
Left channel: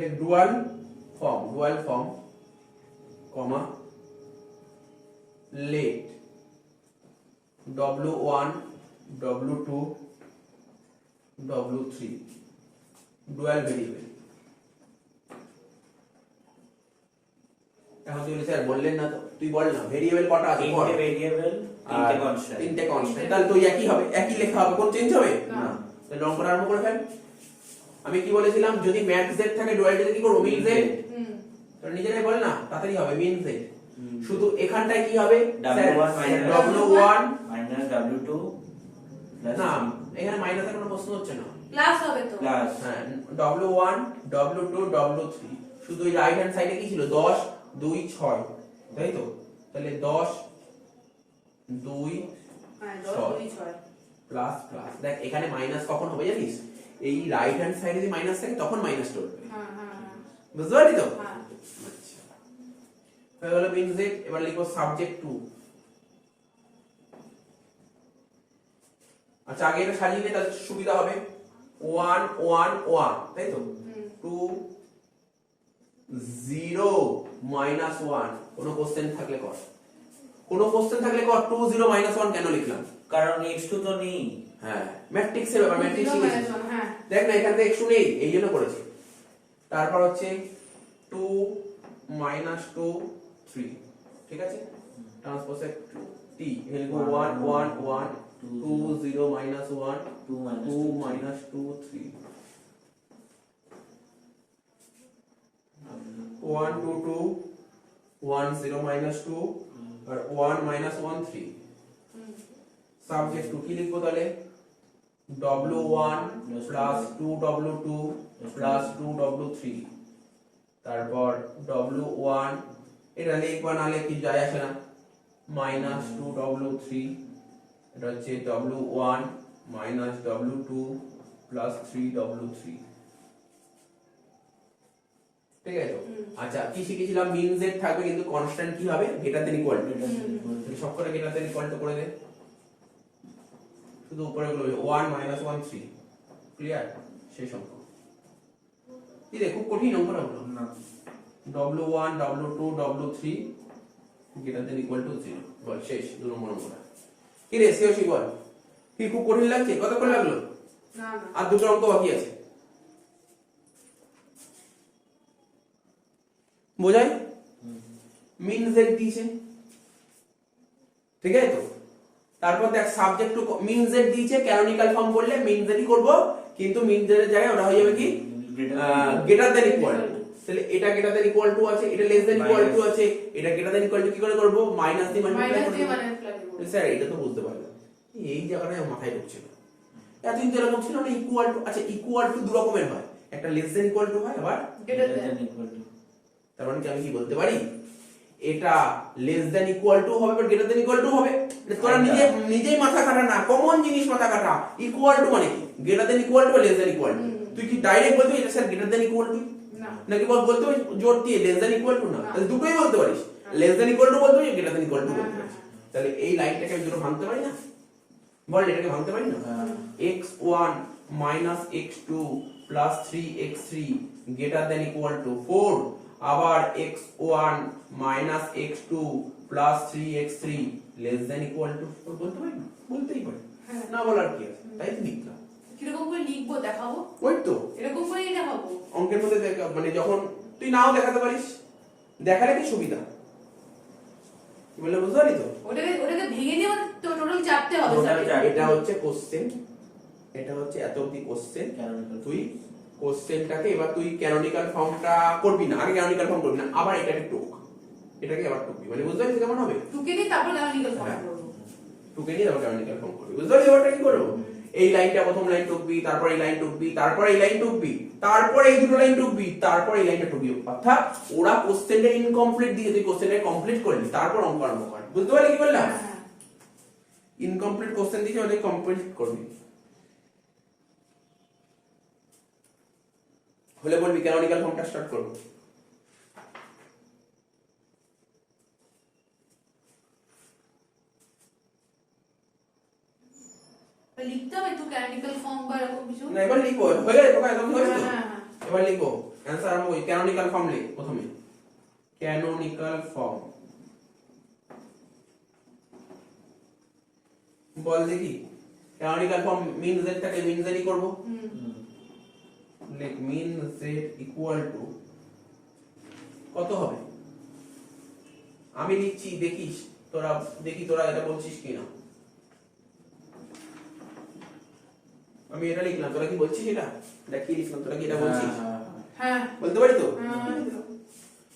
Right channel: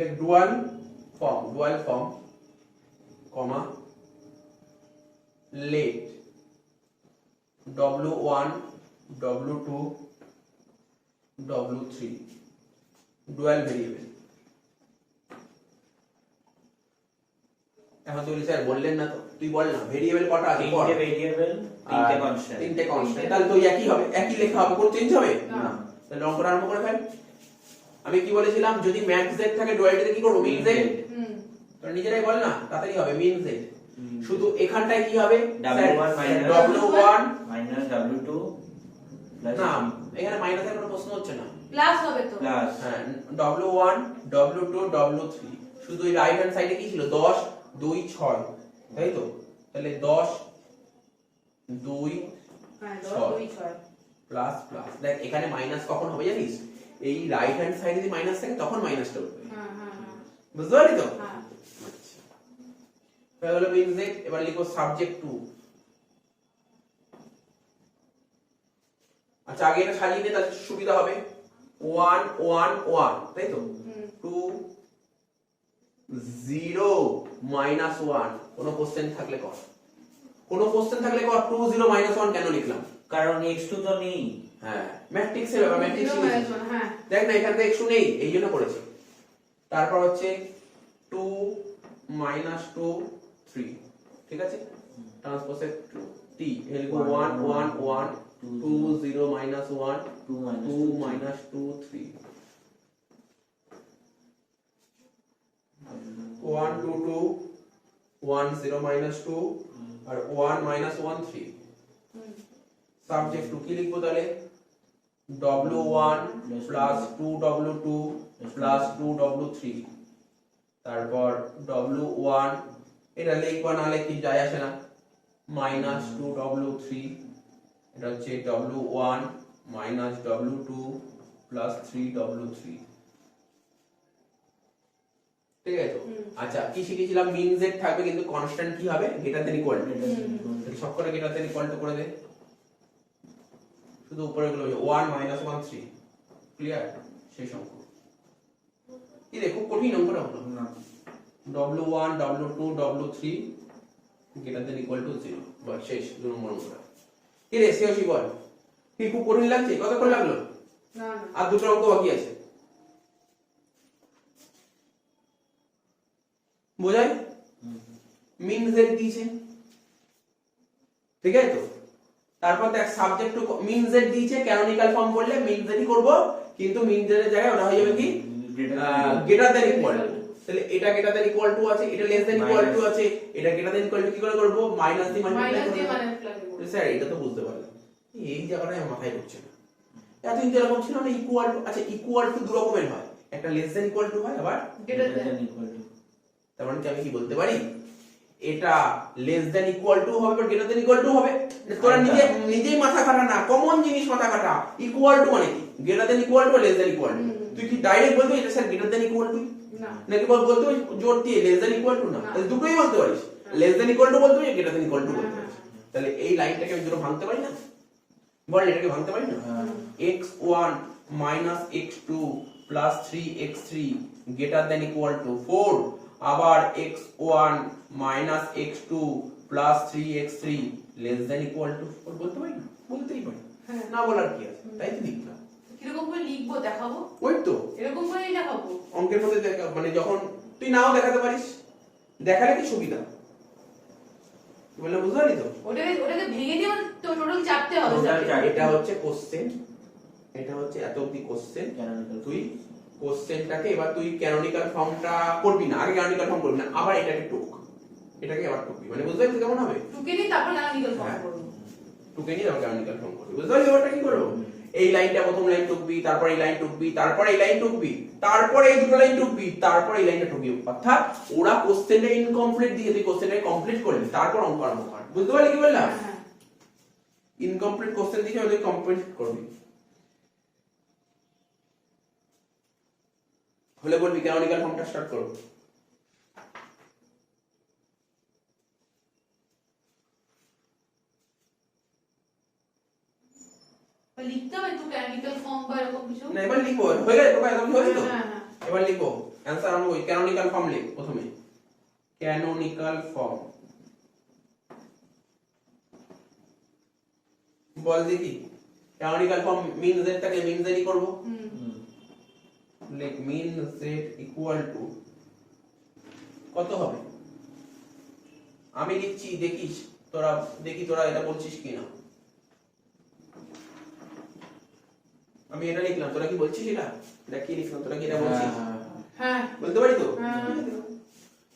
like dual form comma let w1 w2 w3 dual variable। এখন তুই স্যার বললেন না, তো তুই বল না ভেরিয়েবল কটা আছে? তিনটে ভেরিয়েবল, তিনটে কনস্ট্যান্ট। তিনটে কনস্ট্যান্ট, তাহলে তো একই হবে, একই লেখা হবে, কোন চেঞ্জ হবে না। তাহলে অঙ্কটা আরম্ভ করে ফেল। আমি কি বলেছিলাম, যদি ম্যাক্স জেড থাকে ডুয়ালিটিতে কি করব? মিন জেড। তো নিজেরাই বল না, তাড়াতাড়ি হবে মিন জেড। শুধু এখানটায় কি হবে? w1 w1 minus w2 plus না, এখানে মাইনাসের কোনো প্রশ্ন হচ্ছে না, প্লাস হবে তো। প্লাস হ্যাঁ w1 w2 w3। শুধু এই রাইট হ্যান্ড সাইডে কি ছিল? 10 2 6, তাই তো? তাহলে 10 2 হ্যাঁ 6 10 2 6 প্লাস প্লাস। দেখ এখানে মাইনাস কখন হবে জানিস? এই রাইট হ্যান্ড সাইডে যদি মাইনাস থাকে তখন মাইনাসটা উঠবে, হ্যাঁ হ্যাঁ হ্যাঁ বুঝতে পারলি তো? হ্যাঁ হয়ে গেল মিন জেড। এবার লিখো সাবজেক্ট টু। আচ্ছা আগে এটা সাজিয়ে নিয়ে তাহলে সুবিধা হবে। 1 1 1, তাই তো? 2 0 মাইনাস 1। কোনো কোশ্চেন থাকলে কর, কোনো কোশ্চেন থাকলে কর। 2 0 মাইনাস 1 কেন লিখলাম? কারণ x2 তো নেই। হ্যাঁ ম্যাট্রিক্সের ব্যাপার, ম্যাট্রিক্স শিখেছিস। হ্যাঁ দেখ না এখানে তো x2 নেই, এই জন্য করেছি। তারপর হচ্ছে 2 মাইনাস 2 3, ঠিক আছে? ট্রান্সপোজে 2 t লিখব 1 1 1 2 0 মাইনাস 1 2 মাইনাস 2 3 1 2 2 1 0 মাইনাস 2 আর 1 মাইনাস 1 3। সাবজেক্ট 2 কি লিখবো তাহলে? w1 plus 2w2 plus 2w3। তারপর w1 এটা লিখবা না লিখি যায় আসে না, মাইনাস 2w3। এটা হচ্ছে w1 minus w2 plus 3w3, ঠিক আছে? আচ্ছা কি শিখেছিলাম? মিন জেড থাকবে কিন্তু কনস্ট্যান্ট কি হবে? Greater than equal two. সব করে গ্রেটার দেন ইকুয়াল টু করে দে, শুধু উপরে গুলো 1 মাইনাস 1 3, ক্লিয়ার? শেষ অঙ্ক। কি রে খুব কঠিন অঙ্কটা হলো না, w1 w2 w3 greater than equal to 0। বল শেষ 2 নম্বর অঙ্কটা। কি রে সিওসি বল, কি খুব কঠিন লাগছে? কতক্ষণ লাগলো? না আর দুটো অঙ্ক বাকি আছে, বোঝাই? মিন জেড দিয়েছে, ঠিক আছে তো? তারপর দেখ সাবজেক্ট টু মিন জেড দিয়েছে, ক্যানোনিক্যাল ফর্ম করলে মিন জেডই করব, কিন্তু মিন জেড এর জায়গায় ওটা হয়ে যাবে কি? Greater than equal two. তাহলে এটা গ্রেটার দেন ইকুয়াল টু আছে, এটা লেস দেন ইকুয়াল টু আছে, এটা গ্রেটার দেন ইকুয়াল টু কি করে করব? মাইনাস দিয়ে মাল্টিপ্লাই মাইনাস দিয়ে করব। মাল্টিপ্লাই করব। স্যার এটা তো বুঝতে পারলাম, এই জায়গাটায় মাথায় ঢুকছে না। এতদিন যেরকম ছিল না ইকুয়াল টু, আচ্ছা ইকুয়াল টু দু রকমের হয়, একটা লেস দেন ইকুয়াল টু হয়, আবার গ্রেটার দেন। তার মানে কি আমি কি বলতে পারি? এটা লেস দেন ইকুয়াল টু হবে বা গ্রেটার দেন ইকুয়াল টু হবে? তোরা নিজেই মাথা কাটা না, কমন জিনিস মাথা কাটা। ইকুয়াল টু মানে কি? গ্রেটার দেন ইকুয়াল টু বা লেস দেন ইকুয়াল টু? তুই কি ডাইরেক্ট বলবি এটা sir greater than equal two, না নাকি বলতে হবে জোর দিয়ে লেস দেন ইকুয়াল টু? না, তাহলে দুটোই বলতে পারিস, লেস দেন ইকুয়াল টু বলতে পারিস, গ্রেটার দেন ইকুয়াল টু বলতে পারিস। তাহলে এই লাইনটাকে আমি দুটো ভাঙতে পারি না? বল এটাকে ভাঙতে পারি না? x1 minus x2 plus 3x3 greater than equal two 4, আবার x1 minus x2 plus 3x3 less than equal two 4 বলতে পারি না? বলতেই পারি, না বলার কি আছে? তাই তো লিখলাম। কিরকম করে লিখবো দেখাবো? ওই তো এরকম করে দেখাবো? অঙ্কের মধ্যে মানে যখন তুই নাও দেখাতে পারিস, দেখালে কি সুবিধা, কি বলে বুঝতে পারি তো? ওটাকে ভেঙে দিয়ে টোটাল চাপতে হবে। এটা হচ্ছে কোশ্চেন, এটা হচ্ছে এত অবধি কোশ্চেন। তুই কোশ্চেনটাকে এবার তুই ক্যানোনিক্যাল ফর্মটা করবি না, আগে ক্যানোনিক্যাল ফর্ম করবি না, আবার এটাকে টুক, এটাকে আবার টুকবি, মানে বুঝতে পারছিস কেমন হবে? টুকে দিয়ে তারপর ক্যানোনিক্যাল ফর্ম করব। টুকে নিয়ে আবার ক্যানোনিক্যাল ফর্ম করবি, বুঝতে পারছিস এবারটা কি করব? এই লাইনটা প্রথম লাইন টুকবি, তারপর এই লাইন টুকবি, তারপর এই লাইন টুকবি, তারপর এই দুটো লাইন টুকবি, তারপর এই লাইনটা টুকবি। অর্থাৎ ওরা কোশ্চেনটা ইনকমপ্লিট দিয়ে তুই কোশ্চেনটা কমপ্লিট করবি, তারপর অঙ্ক আরম্ভ কর। বুঝতে পারলি কি বললাম? ইনকমপ্লিট কোশ্চেন দিয়ে ওদের কমপ্লিট করবি। হলে বলবি ক্যানোনিক্যাল ফর্মটা স্টার্ট করব। তো লিখতে হবে একটু ক্যানোনিক্যাল ফর্ম বা এরকম কিছু। না এবার লিখবো, হয়ে গেছে তোকে একদম হয়ে গেছে তো? হ্যাঁ, হ্যাঁ। এবার লিখবো অ্যান্সার আরম্ভ করি। ক্যানোনিক্যাল ফর্ম লিখ প্রথমে, ক্যানোনিক্যাল ফর্ম বল দেখি। ক্যানোনিক্যাল ফর্ম মিন z টাকে মিন z ই করব। লিখ মিন z ইকুয়াল টু কত হবে, আমি লিখছি দেখিস তোরা, দেখি তোরা এটা বলছিস কিনা। আমি এটা লিখলাম, তোরা কি বলছিস এটা? এটা কি লিখলাম, তোরা কি এটা বলছিস? হ্যাঁ, বলতে পারি তো? হ্যাঁ।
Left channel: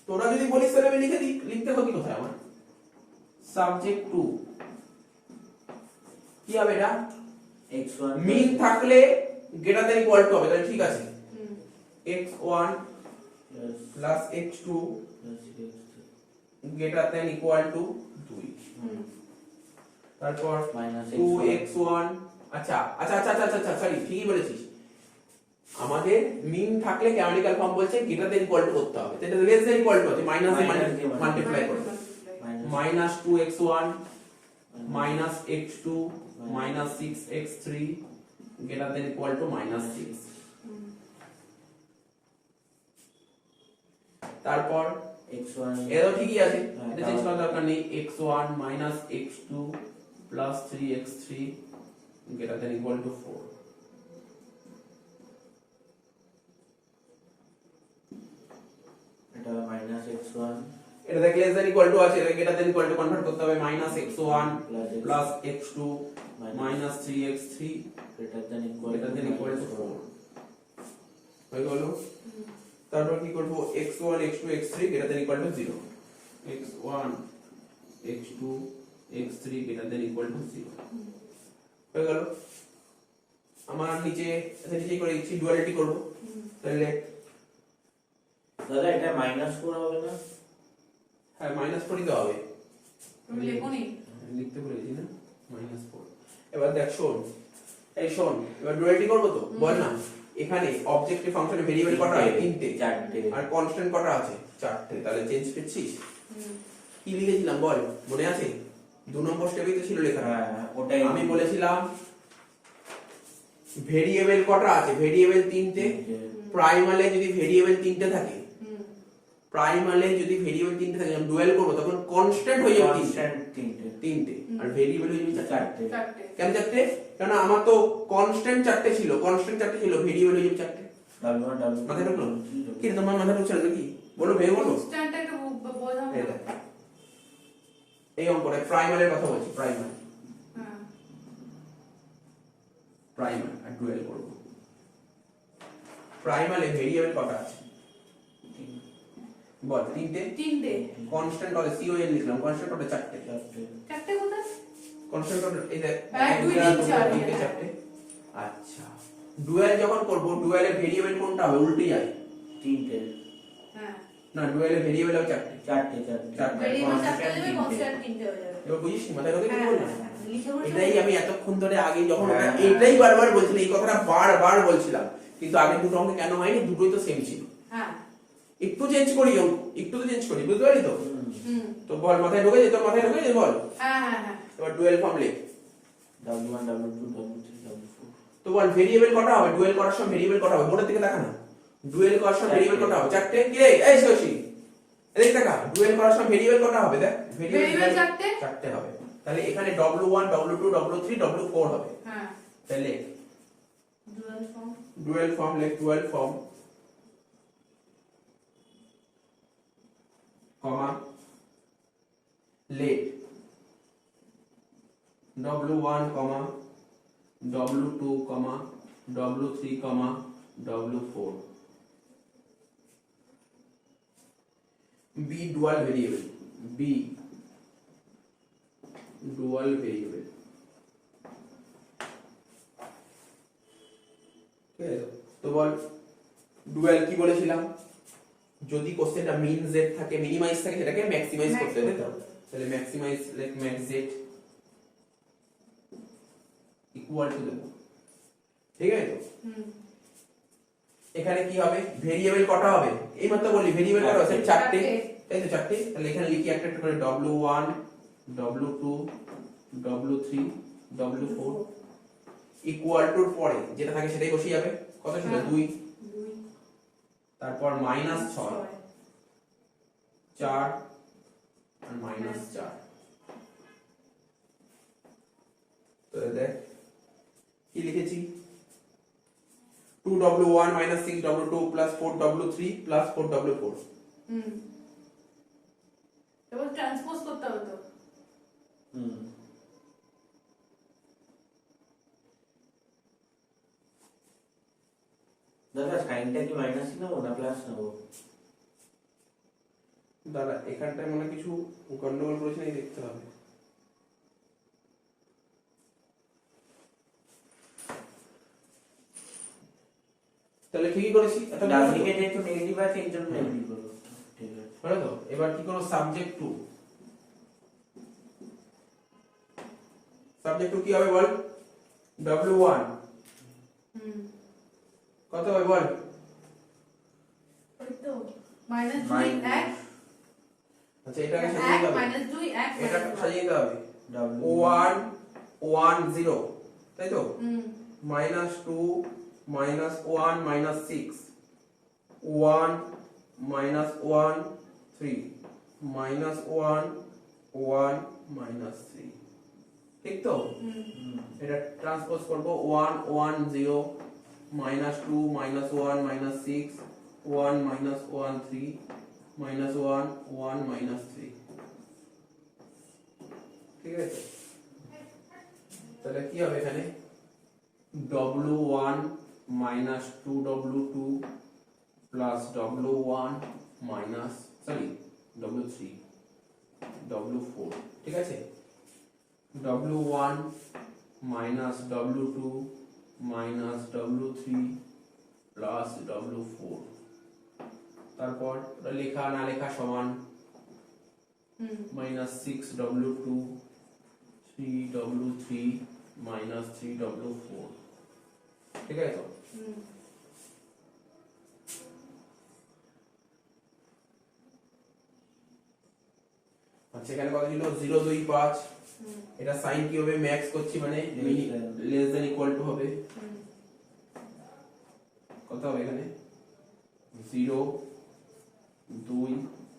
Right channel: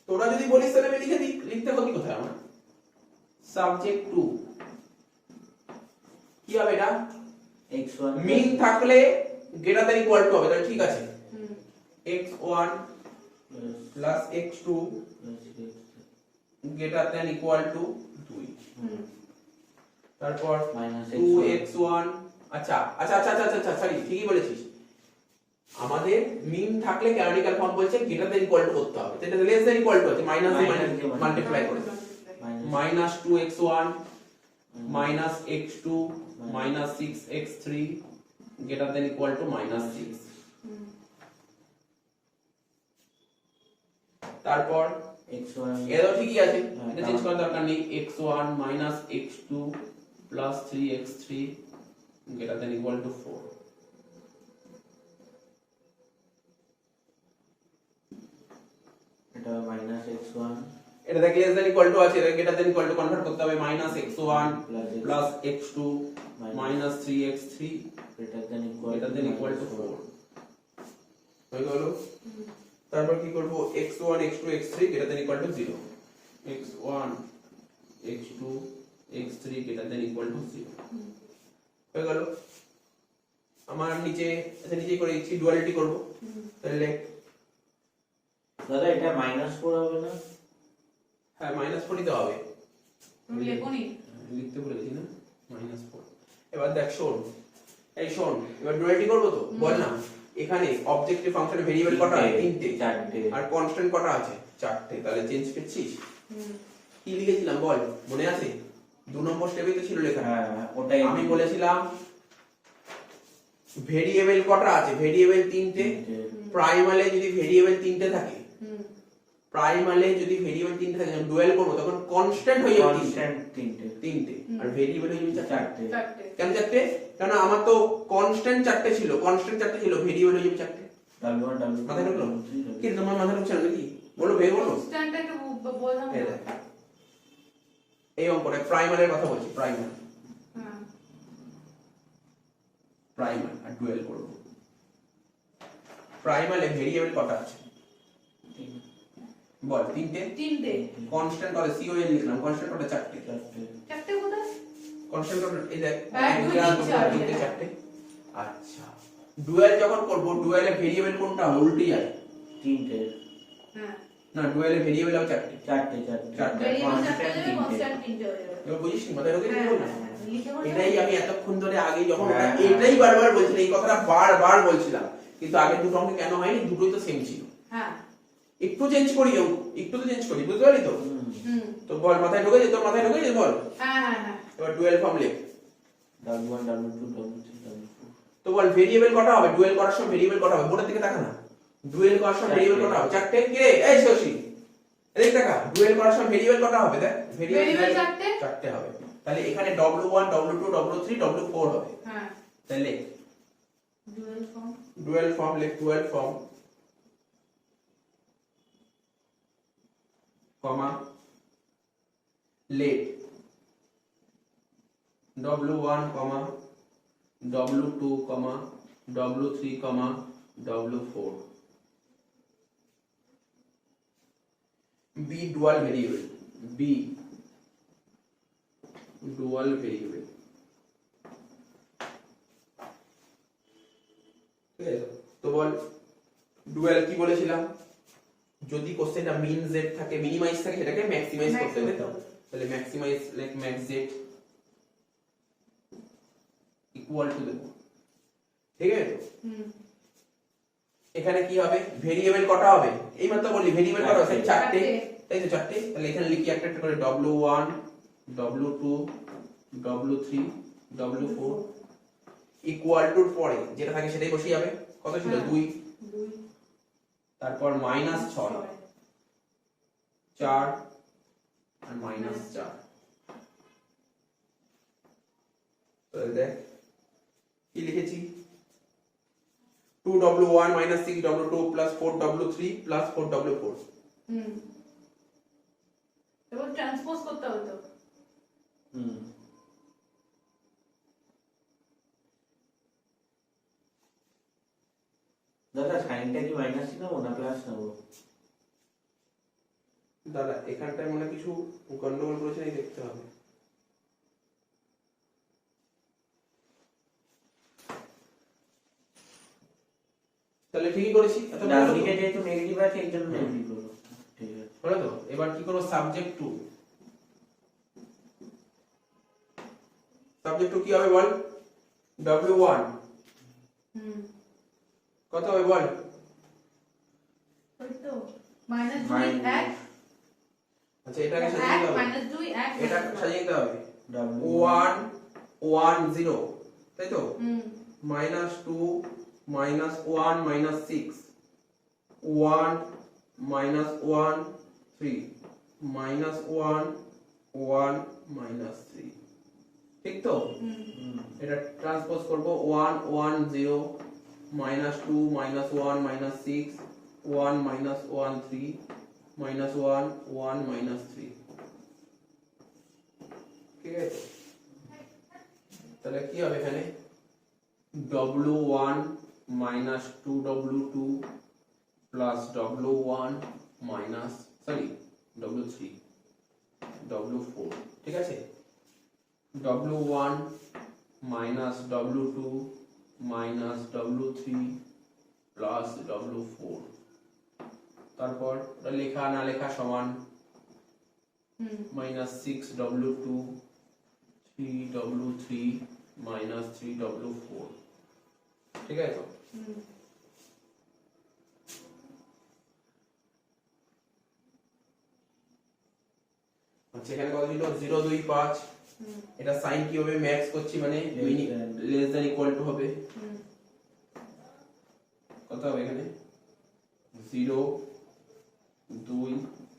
তোরা যদি বলিস তাহলে আমি লিখে দিই, লিখতে হবে কি কোথায় আমার? সাবজেক্ট টু কি হবে এটা? x1 মিন থাকলে গ্রেটার দ্যান ইকুয়াল টু হবে, তাহলে ঠিক আছে। x1 plus x2 greater than equal to 2, তারপর মাইনাস 2x1। আচ্ছা আচ্ছা আচ্ছা আচ্ছা আচ্ছা সরি, ঠিকই বলেছিস। আমাদের মিন থাকলে ক্যানোনিক্যাল ফর্ম বলছে গ্রেটার দ্যান ইকুয়াল টু করতে হবে, এটা লেস দ্যান ইকুয়াল টু আছে, মাইনাস মাল্টিপ্লাই করে minus 2x1 minus x2 minus 6x3 greater than equal to minus 6। তারপর x1 এটাও ঠিকই আছে, হ্যাঁ, এটা চেঞ্জ করার দরকার নেই। x1 minus x2 plus 3x3 greater than equal to 4। এটা মাইনাস x1 এটা থেকে লেস দ্যান ইকুয়াল টু আছে, এটা greater than equal to convert করতে হবে, minus x1 plus x2 minus 3x3 greater than equal to 4 হয়ে গেল। তারপর কি করব, x1 x2 x3 greater than equal to 0, x1 x2 x3 greater than equal to 0 হয়ে গেল। আমার নিচে এটা নিচেই করে দিচ্ছি, ডুয়ালিটি করব। তাহলে দাদা এটা -4 হবে না? হ্যাঁ -4 দিতে হবে, তুমি লেখোনি? লিখতে ভুলে গেছি না, -4। এবার দেখ শোন, এই শোন, এবার ডুয়ালিটি করব তো, বল না এখানে অবজেক্টিভ ফাংশনে ভেরিয়েবল কটা আছে? 3টে। 4টে। আর কনস্ট্যান্ট কটা আছে? 4টে। তাহলে চেঞ্জ করছিস? কি লিখেছিলাম বল, মনে আছে? 2 নম্বর স্টেপে তো ছিল লেখা। হ্যাঁ ওটাই আমি বলেছিলাম ভেরিয়েবল কটা আছে? ভেরিয়েবল 3টে। প্রাইমালে যদি ভেরিয়েবল 3টে থাকে, প্রাইমালে যদি ভেরিয়েবল 3টে থাকে, যখন ডুয়াল করব তখন কনস্ট্যান্ট হয়ে যাবে কনস্ট্যান্ট 3টে। আর ভেরিয়েবল হয়ে যাবে 4টে। 4টে। কেন 4টে? কারণ আমার তো কনস্ট্যান্ট 4টে ছিল, ভেরিয়েবল হয়ে যাবে 4টে। W1 W2 মাথায় ঢুকলো? কি তোমার মাথায় ঢুকছে না নাকি? বলো ভেবে বলো। কনস্ট্যান্টটা একটু বোঝাও। এই দেখ, এই অঙ্কটা প্রাইমালের কথা বলছি, প্রাইমাল হ্যাঁ, প্রাইমাল আর ডুয়াল করব। প্রাইমালে ভেরিয়েবল কটা আছে বল? 3টে। কনস্ট্যান্ট কত? সিওএল লিখলাম, কনস্ট্যান্ট কত? 4টে। 4টে কোথায়? কনস্ট্যান্ট কত? এই দেখ, 1 2 3 4 4টে। আচ্ছা, ডুয়াল যখন করব, ডুয়ালে ভেরিয়েবল কোনটা হবে? উল্টে যায়। 3টে। হ্যাঁ, না, ডুয়ালে ভেরিয়েবল হবে 4টে। 4টে। ভেরিয়েবল 4টে হলে কনস্ট্যান্ট 3টে হয়ে যাবে। এবার বুঝিস নি মাথায় ঢোকে কি হ্যাঁ, বললাম? লিখে বলছো? এটাই আমি এতক্ষণ ধরে আগে যখন হ্যাঁ। এটাই বারবার বলছিলাম, এই কথাটা বারবার বলছিলাম, কিন্তু আগের দুটো অঙ্ক কেন হয়নি? দুটোই তো সেম ছিল। হ্যাঁ, একটু চেঞ্জ করি অঙ্ক, একটু তো চেঞ্জ করি, বুঝতে পারি তো? তো বল, মাথায় ঢোকে যেত, মাথায় ঢোকে যেত, বল। হ্যাঁ, হ্যাঁ, হ্যাঁ। এবার ডুয়াল ফর্ম লিখ। W1 W2 W3 W4 তো বল ভেরিয়েবল কটা হবে? ডুয়াল করার সময় ভেরিয়েবল কটা হবে? বোর্ডের দিকে দেখা না। ডুয়াল করার সময় ভেরিয়েবল কটা হবে? 4টে। কে? এই শশী, এদিকে দেখা। ডুয়াল করার সময় ভেরিয়েবল কটা হবে? দেখ, ভেরিয়েবল 4টে। 4টে হবে। তাহলে এখানে W1 W2 W3 W4 হবে। হ্যাঁ, তাহলে ডুয়াল ফর্ম। ডুয়াল ফর্ম লিখ, ডুয়াল ফর্ম কমা লেট W1 কমা W2 কমা W3 কমা W4 B dual variable, B dual variable। ঠিক আছে, তো বল ডুয়াল কি বলেছিলাম? যদি কোশ্চেনটা মিন z থাকে, মিনিমাইজ থাকে, সেটাকে ম্যাক্সিমাইজ করতে হবে। তাহলে maximize like max z equal to দেবো, ঠিক আছে? এখানে কি হবে ভেরিয়েবল কটা হবে এই মাত্র বলি ভেরিয়েবল কটা হবে চারটে চারটে। তাই তো চারটে তাহলে এখানে লিখি একটা একটা করে w1 w2 w3 w4 equal to পরে যেটা থাকে সেটাই বসে যাবে কত ছিল হ্যাঁ। 2 2 তারপর -6 4 আর -4 তো দেখ কি লিখেছি 2w1 6w2 4w3 4w4 হুম এবার ট্রান্সপোজ করতে হবে তো হুম দাদা সাইনটা কি মাইনাস নেবো না প্লাস নেবো? দাদা এখানটায় মনে হয় কিছু গন্ডগোল করেছে নাকি দেখতে হবে তাহলে ঠিকই করেছি এত ডান দিকে যেহেতু নেগেটিভ আছে এর জন্য নেগেটিভ করবো। ঠিক আছে হলো তো এবার কি করব সাবজেক্ট টু কি হবে বল w1 হুম কত হবে বল ওই তো -2 1 আচ্ছা এটাকে সাজিয়ে দিতে হবে -2 1 এটা সাজিয়ে দিতে হবে W 1 1 0 তাই তো হুম -2 -1 -6 1 -1 3 -1 1 -3 ঠিক তো হুম এটা ট্রান্সপোজ করব 1 1 0 -2 -1 -6 1 -1 3 -1 1 -3 ঠিক আছে তাহলে কি হবে এখানে w1 -2w2 w1 w3 w4 ঠিক আছে w1 w2 w3 w4 তারপর লেখা না লেখা সমান হুম -6w2 3w3 3w4 ঠিক আছে তো হুম আচ্ছা এখানে কত ছিল 0 2 5 হুম এটা সাইন কি হবে ম্যাক্স করছি মানে লেস দ্যান ইকুয়াল টু হবে হুম কত হবে এখানে 0 2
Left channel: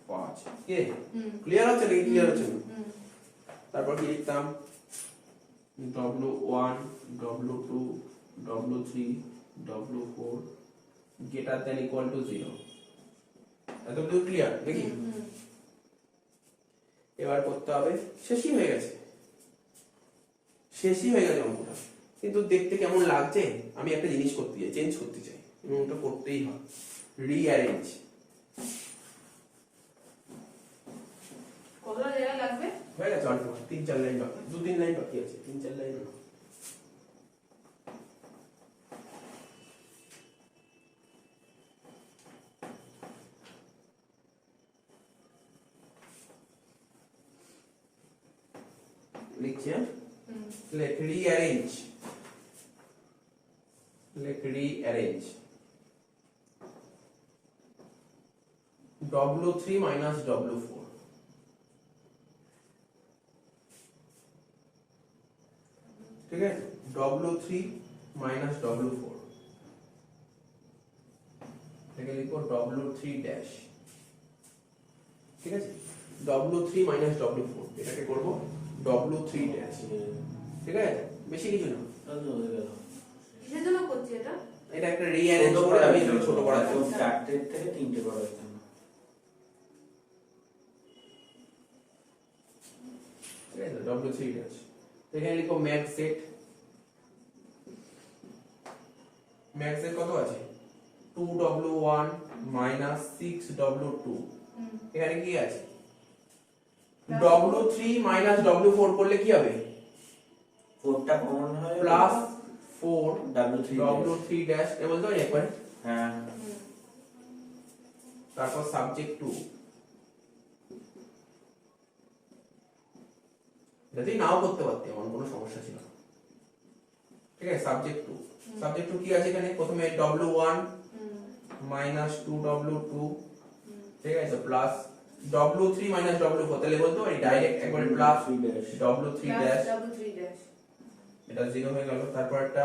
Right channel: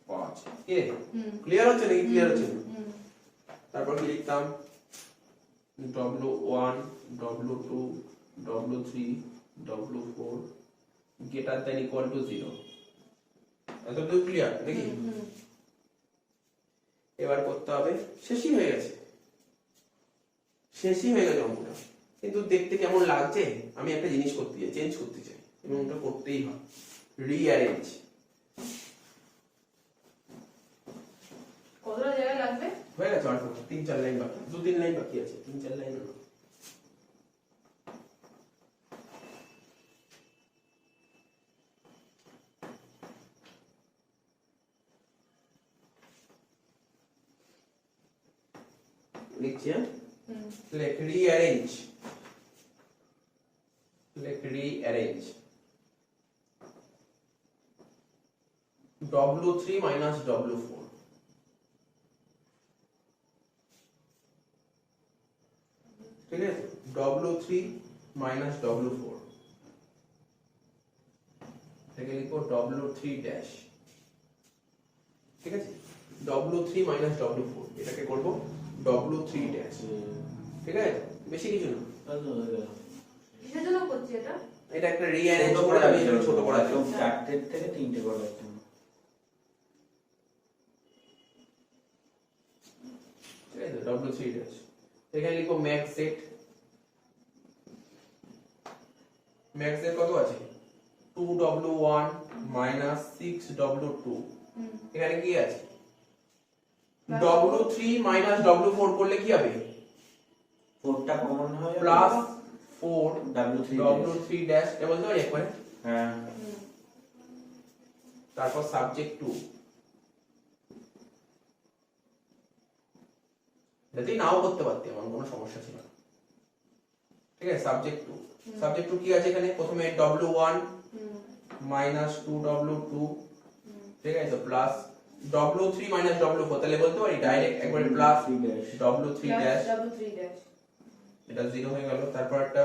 5 কে হুম ক্লিয়ার হচ্ছে নাকি ক্লিয়ার হচ্ছে না? হুম তারপর কি লিখতাম w1 w2 w3 w4 greater than equal to 0 এতটুকু ক্লিয়ার দেখি হুম এবার করতে হবে শেষই হয়ে গেছে অঙ্কটা কিন্তু দেখতে কেমন লাগছে আমি একটা জিনিস করতে চাই চেঞ্জ করতে চাই এবং ওটা করতেই হয় রিঅ্যারেঞ্জ কতটা জায়গা লাগবে হয়ে গেছে অল্প 3-4 লাইন বাকি 2-3 লাইন বাকি আছে 3-4 লাইন না লিখছি হ্যাঁ হুম let rearrange w3 minus w4 ঠিক আছে w3 minus w4 এটাকে লিখবো w3 ড্যাশ ঠিক আছে w3 minus w4 এটাকে করব w3 ড্যাশ ঠিক আছে বেশি কিছু না কিসের জন্য করছি এটা এটা একটা রিঅ্যারেঞ্জ করে আমি ছোট করা তো 4টে থেকে 3টে করার জন্য ঠিক আছে w3 ড্যাশ এখানে লিখো ম্যাক্স সেট কত আছে 2w1 6w2 হুম এখানে কি আছে w3 w4 করলে কি হবে 4টা কমন হয় plus 4 w3 w3 dash a বলতে পারি একবার হ্যাঁ হুম তারপর সাবজেক্ট 2 এটাতেই নাও করতে পারতে আমার কোনো সমস্যা ছিল না ঠিক আছে সাবজেক্ট 2 কি আছে এখানে প্রথমে w1 হুম মাইনাস 2w2, ঠিক আছে, প্লাস w3 মাইনাস w4, তাহলে বলতে পারি ডাইরেক্ট একবার plus w3 dash, w3 dash এটা 0 হয়ে গেল। তারপর একটা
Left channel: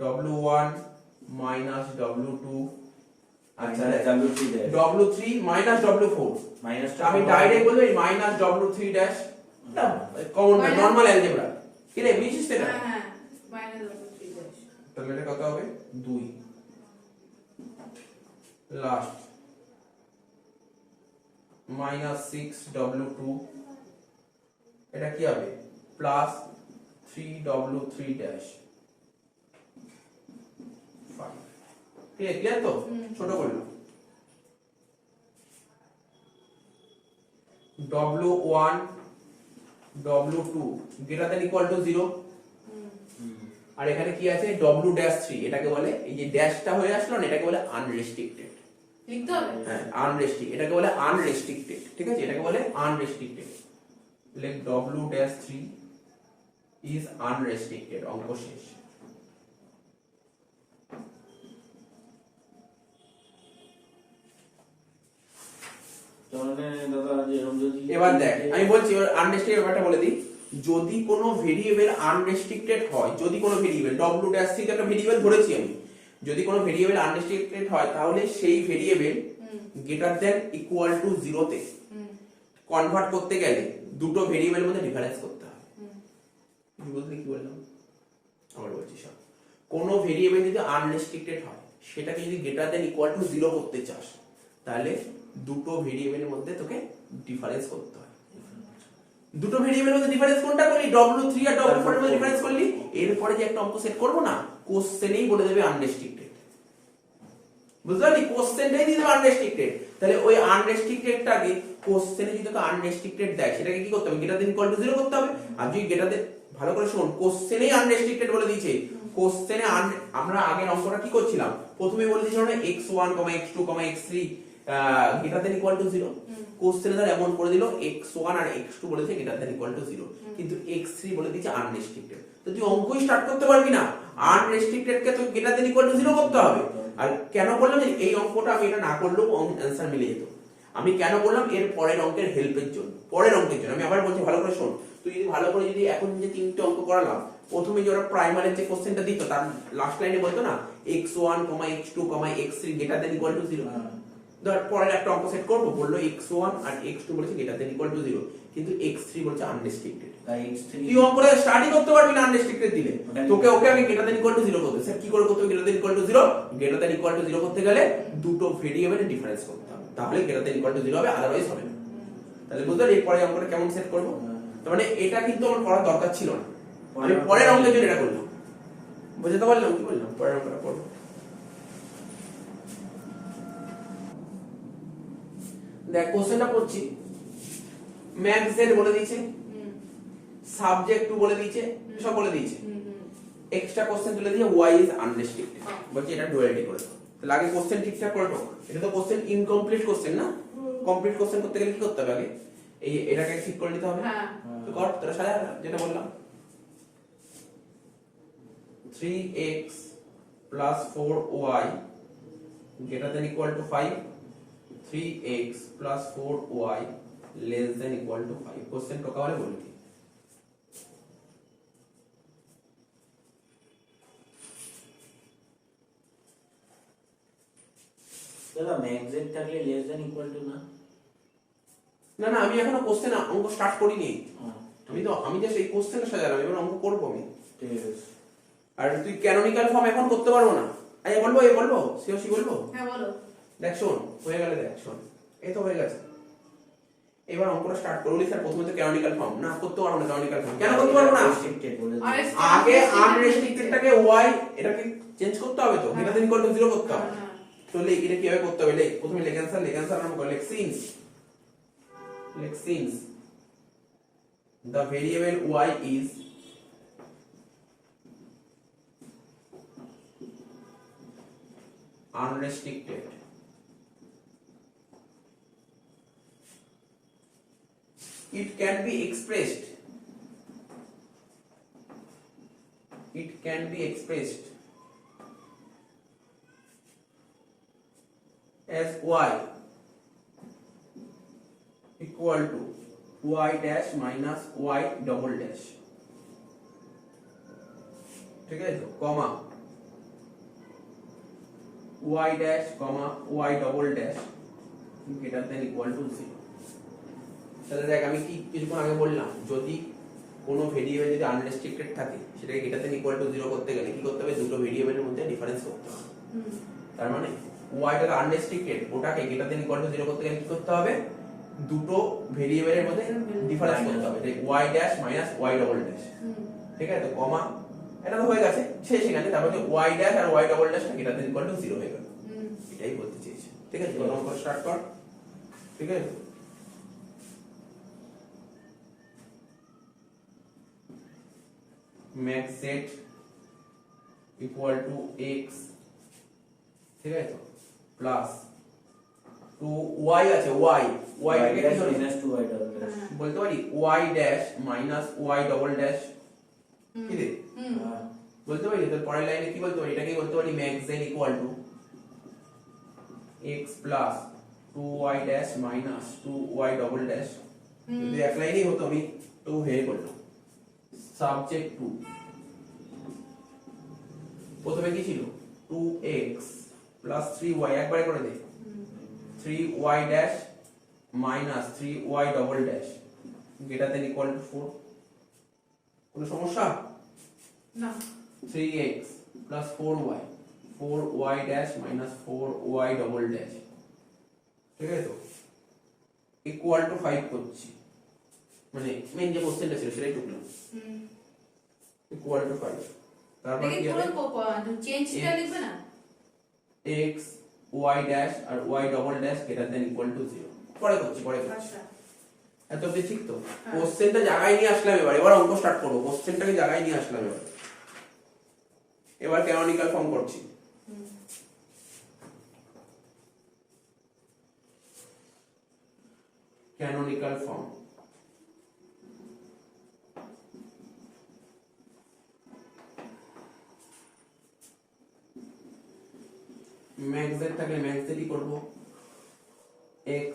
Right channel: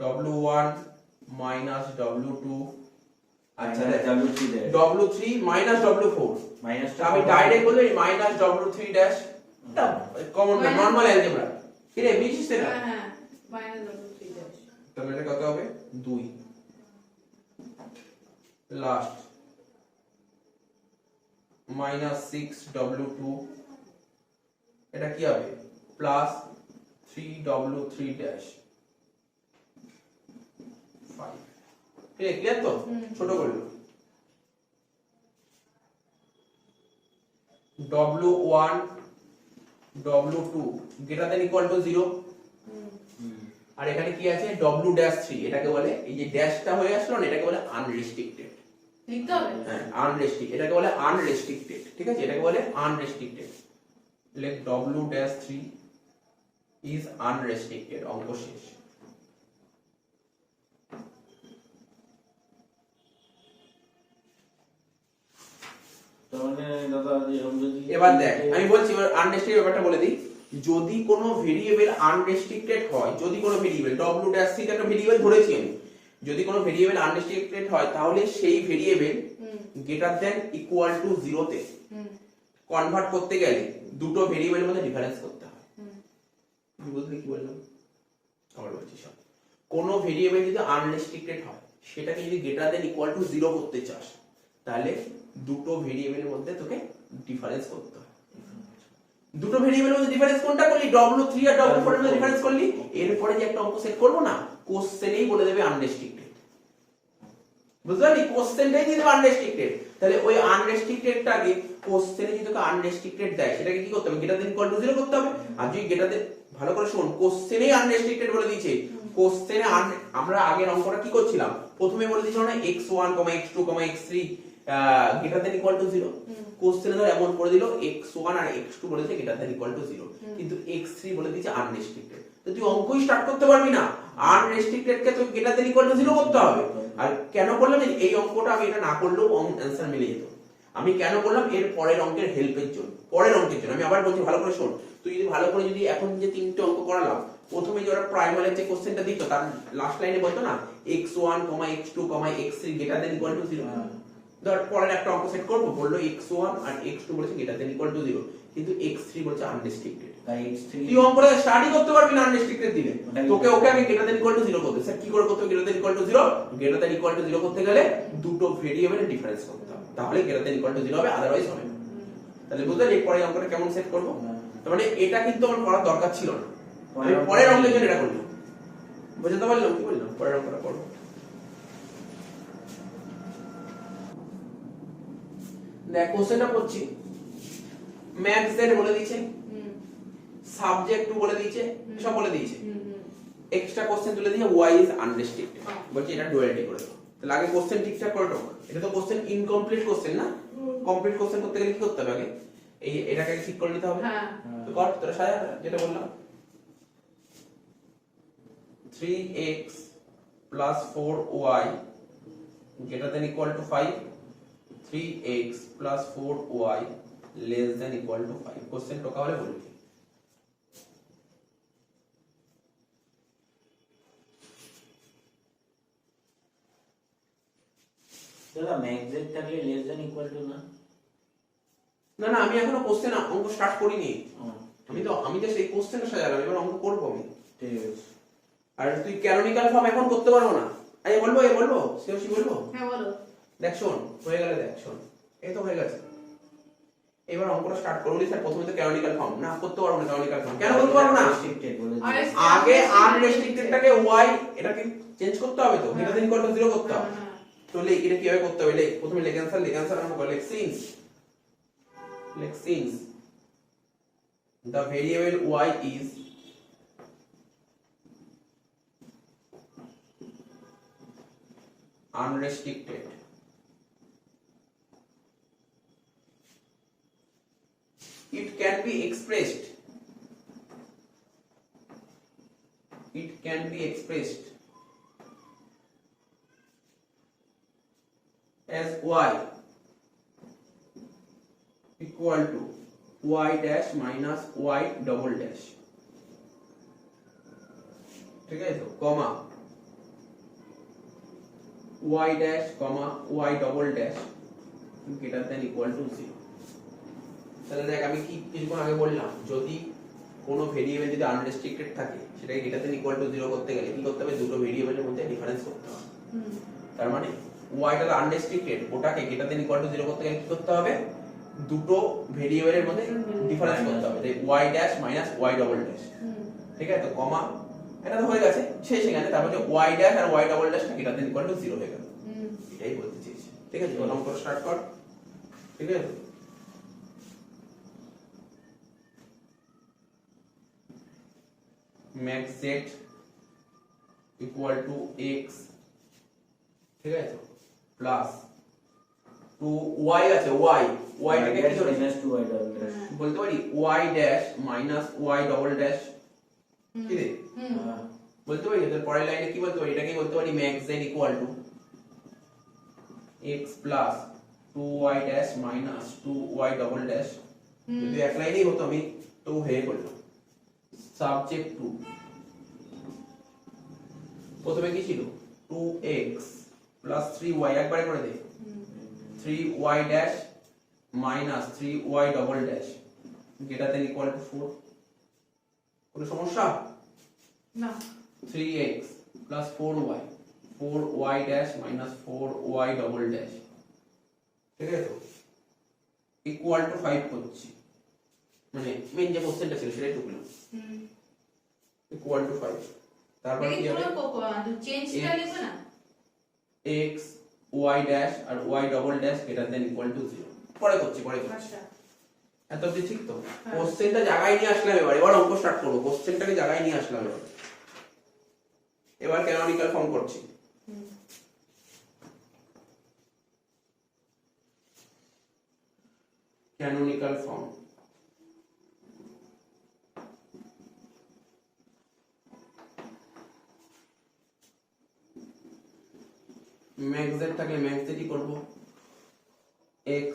w1 মাইনাস w2, আচ্ছা w3 মাইনাস w4, মাইনাসটা আমি ডাইরেক্ট বলবো মাইনাস w3 ড্যাশ, এটা কমন নরমাল অ্যালজেব্রা, কি রে বুঝছিস তো? হ্যাঁ হ্যাঁ মাইনাস w3 ড্যাশ, তাহলে এটা কত হবে 2, লাস্ট মাইনাস 6w2, এটা কি হবে প্লাস 3w3 ড্যাশ 5, ক্লিয়ার তো? ছোট করলো w1 w2 greater than equal to 0, আর এখানে কি আছে w ড্যাশ 3, এটাকে বলে এই যে ড্যাশটা হয়ে আসলো না, এটাকে বলে আনরেস্ট্রিক্টেড, লিখতে হবে। হ্যাঁ আনরেস্ট্রিক্টেড, এটাকে বলে আনরেস্ট্রিক্টেড, ঠিক আছে, এটাকে বলে আনরেস্ট্রিক্টেড, লেখ w ড্যাশ 3 ইজ আনরেস্ট্রিক্টেড, অঙ্ক শেষ। এবার দেখ আমি বলছি আনরেস্ট্রিক্টেড ব্যাপারটা বলে দিই, যদি কোনো ভেরিয়েবল আনরেস্ট্রিক্টেড হয়, যদি কোনো ভেরিয়েবল w ড্যাশ 3 একটা ভেরিয়েবল ধরেছি আমি, যদি কোনো ভেরিয়েবল আনরেস্ট্রিক্টেড হয় তাহলে সেই variable greater than equal to 0 তে কনভার্ট করতে গেলে দুটো ভেরিয়েবলের মধ্যে ডিফারেন্স করতে হয়। বুঝলি কি বললাম? আবার বলছি শোন, কোনো ভেরিয়েবল যদি আনরেস্ট্রিক্টেড হয় সেটাকে যদি গ্রেটার দ্যান ইকুয়াল টু 0 করতে চাস তাহলে দুটো ভেরিয়েবলের মধ্যে তোকে ডিফারেন্স করতে হয়। দুটো ভেরিয়েবলের মধ্যে ডিফারেন্স কোনটা করলি? w3 আর w4 এর মধ্যে ডিফারেন্স করলি, এরপরে যে একটা অঙ্ক সেট করব না, কোশ্চেনেই বলে দেবে আনরেস্ট্রিক্টেড, বুঝলি? কোশ্চেনটাই দিয়ে দেবে আনরেস্ট্রিক্টেড, তাহলে ওই আনরেস্ট্রিক্টেডটাকে কোশ্চেনে যদি তোকে আনরেস্ট্রিক্টেড দেয় সেটাকে কি করতে হবে? গ্রেটার দ্যান ইকুয়াল টু 0 করতে হবে। আর যদি গ্রেটার দ্যান, ভালো করে শোন, কোশ্চেনেই আনরেস্ট্রিক্টেড বলে দিয়েছে, কোশ্চেনে আমরা আগের অঙ্কটা কি করছিলাম, প্রথমে বলে দিয়েছিল না x1, x2, x3 greater than equal to 0, কোশ্চেনে ধর এমন করে দিল x1 আর x2 বলেছে গ্রেটার দ্যান ইকুয়াল টু 0, কিন্তু x3 বলে দিয়েছে আনরেস্ট্রিক্টেড, তো তুই অঙ্কই স্টার্ট করতে পারবি না, আনরেস্ট্রিক্টেড কে তুই গ্রেটার দ্যান ইকুয়াল টু 0 করতে হবে। আর কেন করলাম এই অঙ্কটা, আমি এটা না করলেও অ্যানসার মিলে যেত, আমি কেন করলাম এর পরের অঙ্কের হেল্পের জন্য, পরের অঙ্কের জন্য। আমি আবার বলছি ভালো করে শোন, তুই যদি ভালো করে যদি এখন যে তিনটে অঙ্ক করালাম, প্রথমে যে ওরা প্রাইমারির যে কোশ্চেনটা দিত তার লাস্ট লাইনে বলতো না x1, x2, x3 greater than equal to 0, ধর পরের একটা অঙ্ক সেট করব, বললো x1 আর x2 বলেছে গ্রেটার দ্যান ইকুয়াল টু 0, কিন্তু x3 বলছে আনরেস্ট্রিক্টেড, তাই x3 তুই অঙ্কটা স্টাডি করতে পারবি না আনরেস্ট্রিক্টেড দিলে, তোকে ওকে আগে গ্রেটার দ্যান ইকুয়াল টু 0 করতে। স্যার কি করে করতে হবে greater than equal to 0? Greater than equal to 0 করতে গেলে দুটো ভেরিয়েবলের ডিফারেন্স করতে হবে, তাহলে গ্রেটার দ্যান ইকুয়াল টু 0 হবে, আদারওয়াইজ হবে না। তাহলে বুঝলে এই পরের অঙ্কটা কেমন সেট করব? তার মানে এটা কিন্তু আমার করার দরকার ছিল না, আমি পরের অঙ্কের জন্য এটা করলাম, বুঝতে পারলাম কি বললাম? পরের অঙ্কটা করব। দেখ কোশ্চেনটা পড়ছি, ম্যাথস এর বলে দিয়েছে, সাবজেক্ট টু বলে দিয়েছে, সব বলে দিয়েছে, এক্সট্রা কোশ্চেন তুলে দিয়ে y ইজ আনরেস্ট্রিক্টেড, বলছি এটা ডুয়ালিটি করে দাও। তাহলে আগে কোশ্চেন ঠিকঠাক করে দাও, এটা তো কোশ্চেন ইনকমপ্লিট কোশ্চেন না, কমপ্লিট কোশ্চেন করতে গেলে কি করতে হবে? আগে এই এটাকে ঠিক করে নিতে হবে, তো কর তোরা সাজা, যেটা বললাম 3x plus 4y greater than equal to 5, 3x plus 4y less than equal to 5, question টোকা হলে বলি দাদা ম্যাক্সেট থাকলে লেস দ্যান ইকুয়াল টু না? না না, আমি এখনো কোশ্চেন অঙ্ক স্টার্ট করিনি, আমি জাস্ট এই কোশ্চেনটা সাজালাম, এবার অঙ্ক করব আমি, ঠিক আছে। আর তুই ক্যানোনিক্যাল ফর্ম এখন করতে পারবো না, আচ্ছা বলবো বলবো সিওসি বলবো, হ্যাঁ বলো। দেখ শোন হয়ে গেলে, দেখ শোন এই তো হয়ে গেছে, এবার অঙ্কটা স্টার্ট করবি। স্যার প্রথমে তো ক্যানোনিক্যাল ফর্ম না, করতে পারবো না ক্যানোনিক্যাল ফর্ম, কেন করতে পারবো না? রেস্ট্রিক্টেড বলে দিয়েছে। আগে আনরেস্ট্রিক্টেডটাকে y এটাকে চেঞ্জ করতে হবে, তো গ্রেটার দ্যান ইকুয়াল টু 0 করতে হবে, তো লেখ এটা কিভাবে করতে হবে? লেখ প্রথমে লেখ অ্যানসার আরম্ভ কর, লেখ since the variable y is unrestricted, it can be expressed y equal to y dash minus y double dash, ঠিক আছে তো, কমা y dash comma y double dash greater than equal to 0। তাহলে দেখ আমি কি কিছুক্ষণ আগে বললাম, যদি কোনো ভেরিয়েবল যদি আনরেস্ট্রিক্টেড থাকে সেটাকে গ্রেটার দেন ইকুয়াল টু 0 করতে গেলে কি করতে হবে, দুটো ভেরিয়েবলের মধ্যে ডিফারেন্স করতে হবে। তার মানে y টা আনরেস্ট্রিক্টেড, ওটাকে গ্রেটার দেন ইকুয়াল টু 0 করতে গেলে কি করতে হবে, দুটো ভেরিয়েবলের মধ্যে ডিফারেন্স করতে হবে, তাই y dash minus y double dash, ঠিক আছে তো, কমা এটা তো হয়ে গেছে শেষ এখানে, তারপর যে y ড্যাশ আর y double dash greater than equal to 0 হয়ে গেল, এটাই বলতে চেয়েছি, ঠিক আছে। প্রথম করে স্টার্ট কর, ঠিক আছে। max z equal to x, ঠিক আছে তো, প্লাস 2y আছে, y কে কি হবে, minus 2y double dash বলতে পারি y dash minus y double dash, কি রে বলতে পারি। এর পরের লাইনে কি বলতে পারি, এটাকে বলতে পারি max z equal to x plus 2y dash minus 2y double dash, যদি এক লাইনেই হতো আমি তো হয়ে করতাম। সাবজেক্ট 2 প্রথমে কি ছিল, 2x plus 3y একবারে করে দে, 3y dash minus 3y double dash greater than equal to 4, কোনো সমস্যা না, 3x plus 4y 4y dash minus 4y double dash, ঠিক আছে তো, equal to 5 করছি, মানে মেইন যে কোশ্চেনটা ছিল সেটাই টুকলাম, equal to 5। তারপর কি হবে, চেঞ্জটা লিখবে না, x y dash R y double dash greater than equal to 0, পরে করছি। আচ্ছা এত অবধি ঠিক তো, কোশ্চেনটা জায়গায় নিয়ে আসলাম, এবার অঙ্ক স্টার্ট করব, কোশ্চেনটাকে জায়গায় নিয়ে আসলাম, এবার ক্যানোনিক্যাল ফর্ম করছি। ক্যানোনিক্যাল ফর্ম, ম্যাক্স z থাকলে ম্যাক্স z করব, x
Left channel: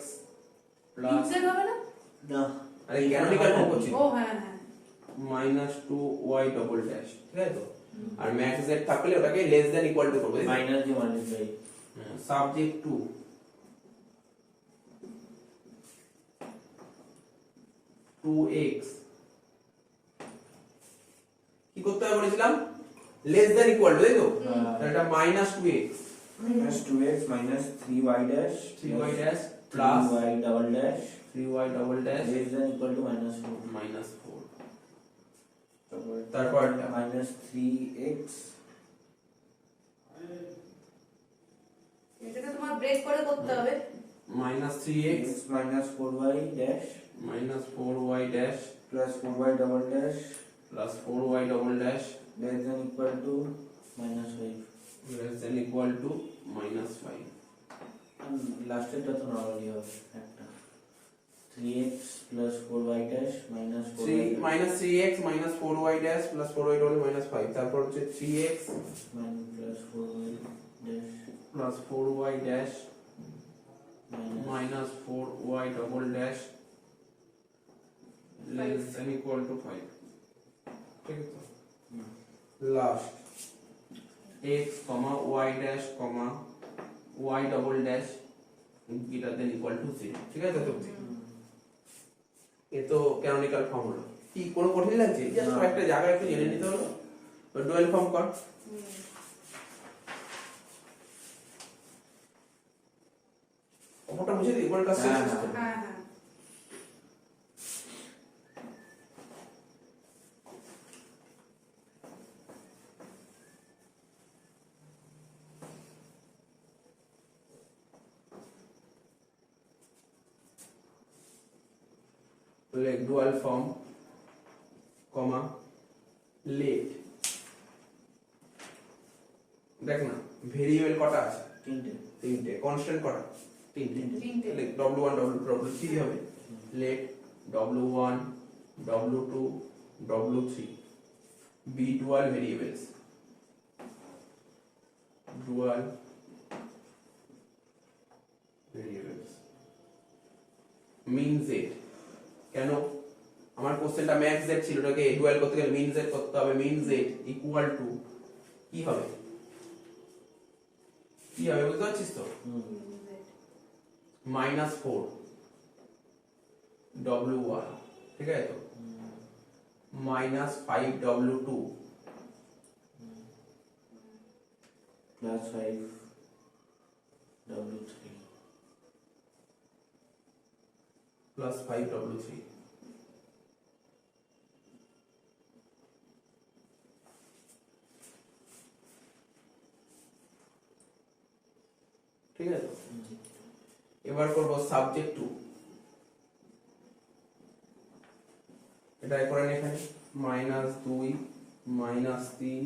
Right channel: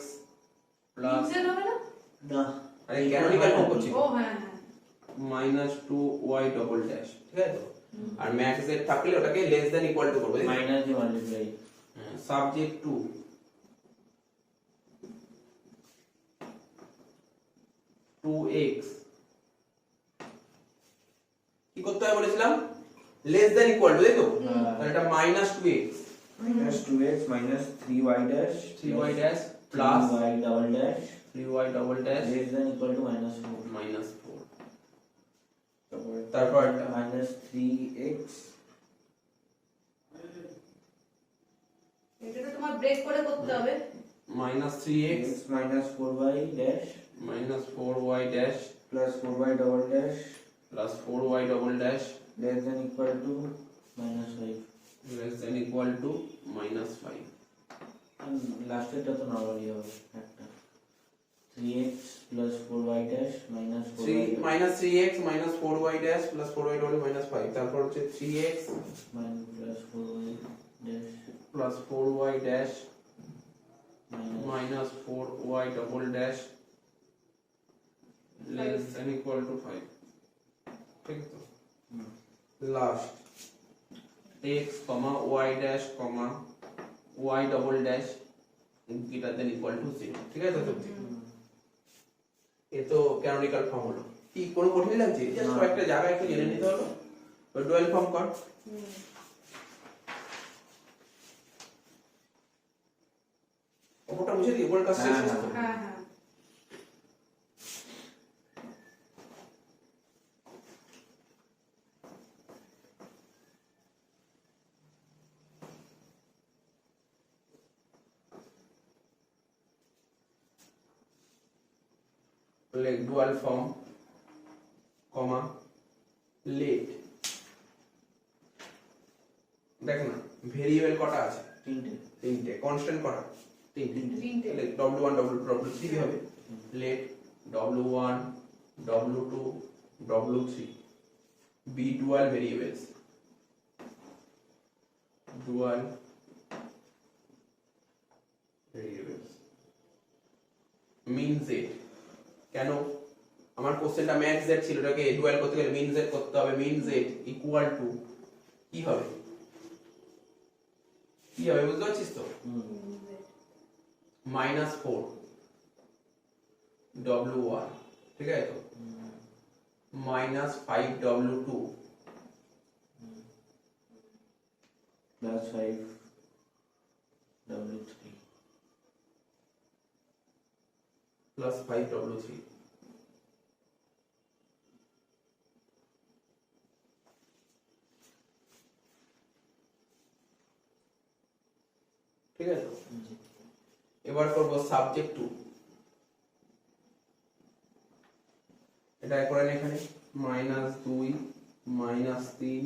প্লাস ইনসেট হবে না, না আরে ক্যানোনিক্যাল ফর্ম করছি, ও হ্যাঁ হ্যাঁ, মাইনাস 2y ডবল ড্যাশ, ঠিক আছে তো, আর ম্যাক্স z থাকলে ওটাকে লেস দ্যান ইকুয়াল টু করব, মাইনাস দিয়ে মাল্টিপ্লাই, সাবজেক্ট 2 2x কি করতে হবে বলেছিলাম, লেস দ্যান ইকুয়াল টু, তাই তো, তাহলে এটা minus 2x minus 2x minus 3y dash 3y dash plus 3y double dash 3y double dash less than equal to minus 4 minus 4, তারপর তারপর minus 3x এটাকে তোমার ব্রেক করে করতে হবে, minus 3x x minus 4y dash minus 4y dash plus 4y double dash plus 4y double dash less than equal to minus 5 less than equal to minus 5, লাস্টেরটা তো normally হবে একটা 3x plus 4y dash minus 4y 3 minus 3x minus 4y dash plus 4y double minus 5, তারপর হচ্ছে 3x plus 4y dash plus 4y dash minus minus 4y double dash less than equal to 5, ঠিক আছে তো, last x comma y dash comma y double dash greater than equal to 0, ঠিক আছে তো, এ তো canonical form হলো। কি কোনো কঠিন লাগছে, জাস্ট না। কয়েকটা জায়গা একটু জেনে নিতে হলো, তো ডুয়াল ফর্ম কর, ওটা বুঝে দিই, ওর কাছে হ্যাঁ, শেষ তো। হ্যাঁ হ্যাঁ, like dual form comma late, দেখো না ভেরিয়েবল কটা আছে, তিনটে, কনস্ট্যান্ট কটা, তিনটে, তিনটে। তাহলে w1 w2 কি হবে, let w1 w2 w3 be dual variables, dual min Z. কেন? আমার কোশ্চেনটা ম্যাক্স জেড ছিল, এটাকে ডুয়াল করতে গেলে মিন জেড করতে হবে। মিন জেড ইকুয়াল টু কি হবে, কি হবে বুঝতে পারছিস তো? -4 W1, ঠিক আছে তো, -5 W2 plus 5 W3 plus 5 W3। ঠিক আছে, এবার করব সাবজেক্ট 2। এটা করেন এখানে -2 -3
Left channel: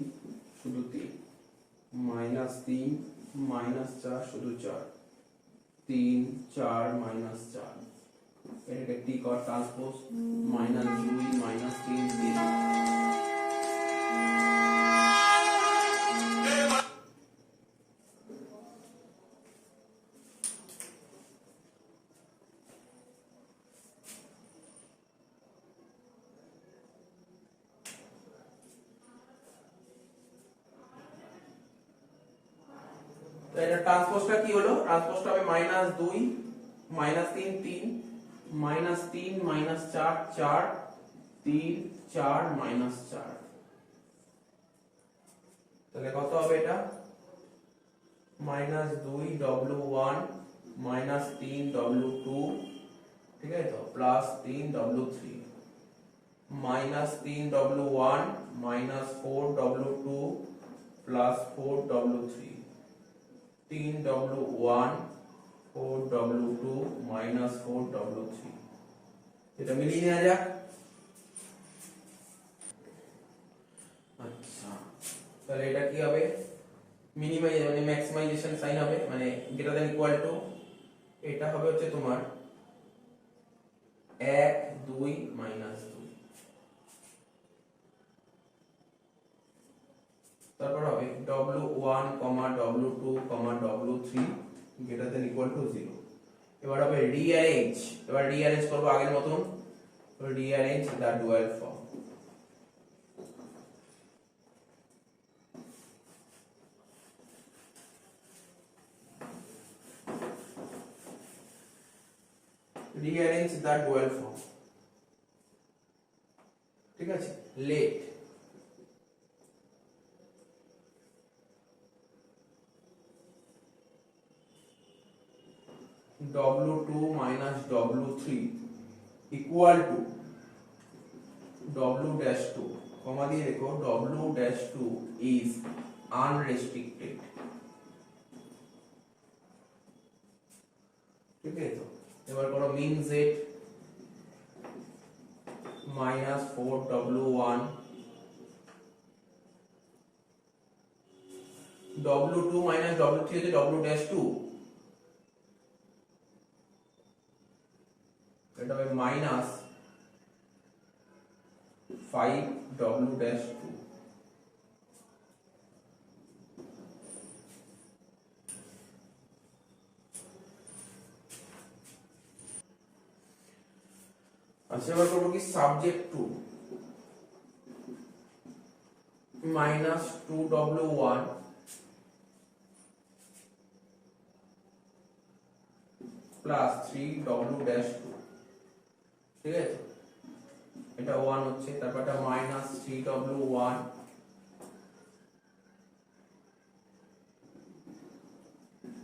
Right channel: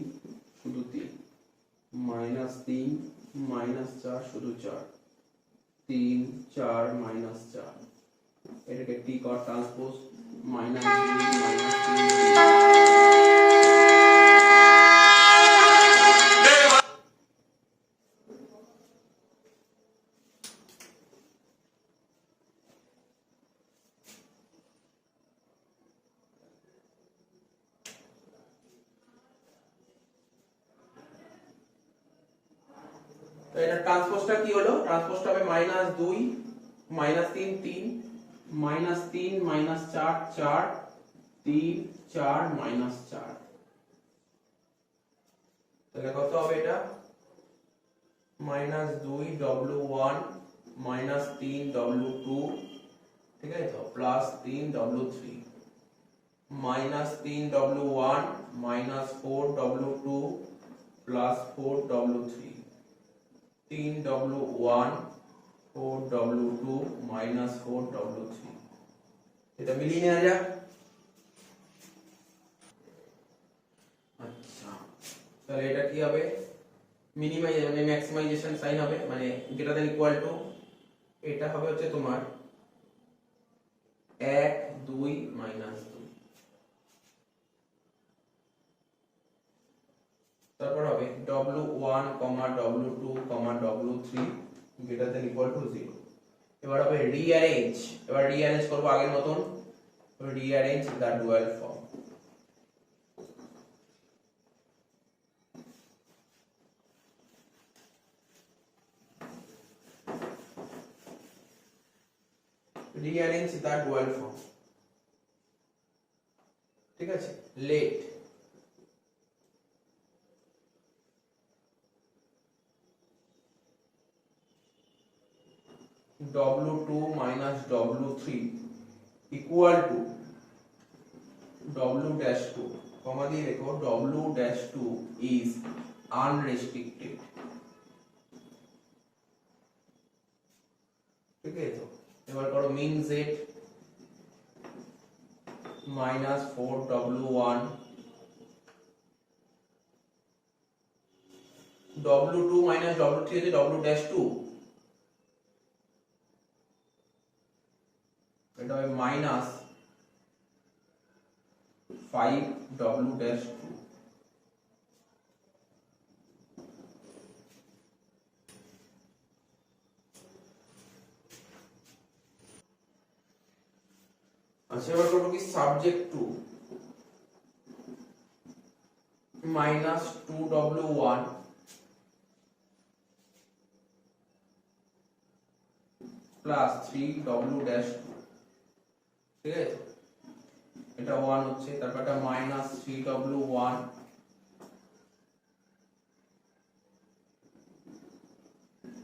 শুধু 3, -3 -4 শুধু 4, 3 4 -4, এটাকে টি কর ট্রান্সপোজ -2 -3। তো এটা ট্রান্সপোজটা কি হলো? ট্রান্সপোজটা হবে -2 -3 3 -3 -4 4 3 4 -4। তাহলে কত হবে এটা? -2 W1 -3 W2, ঠিক আছে তো, plus 3 W3, -3 W1 -4 W2 plus 4 W3, 3 W1 4 W2 -4 W3। এটা মিলিয়ে নেওয়া যাক। আচ্ছা, তাহলে এটা কি হবে? মিনিমাইজেশন মানে ম্যাক্সিমাইজেশন সাইন হবে, মানে গ্রেটার দ্যান ইকুয়াল টু, এটা হবে হচ্ছে তোমার 1 2 -2। তারপর হবে W1, W2, W3 greater than equal to 0। এবার হবে রিঅ্যারেঞ্জ, এবার রিঅ্যারেঞ্জ করব আগের মতন, rearrange the dual form. Rearrange the dual form, ঠিক আছে। Let W2 minus W3 equal to W-2, কমা দিয়ে রেখো, W-2 is unrestricted, ঠিক আছে তো। এবার করো মিন z minus 4 W1, W2 minus W3 হচ্ছে W-2, এটা হবে মাইনাস 5 W-2। আচ্ছা, এবার করবো কি subject 2 minus 2 W1 plus 3 W-2, ঠিক আছে। এটা 1 হচ্ছে, তারপর এটা minus 3 W1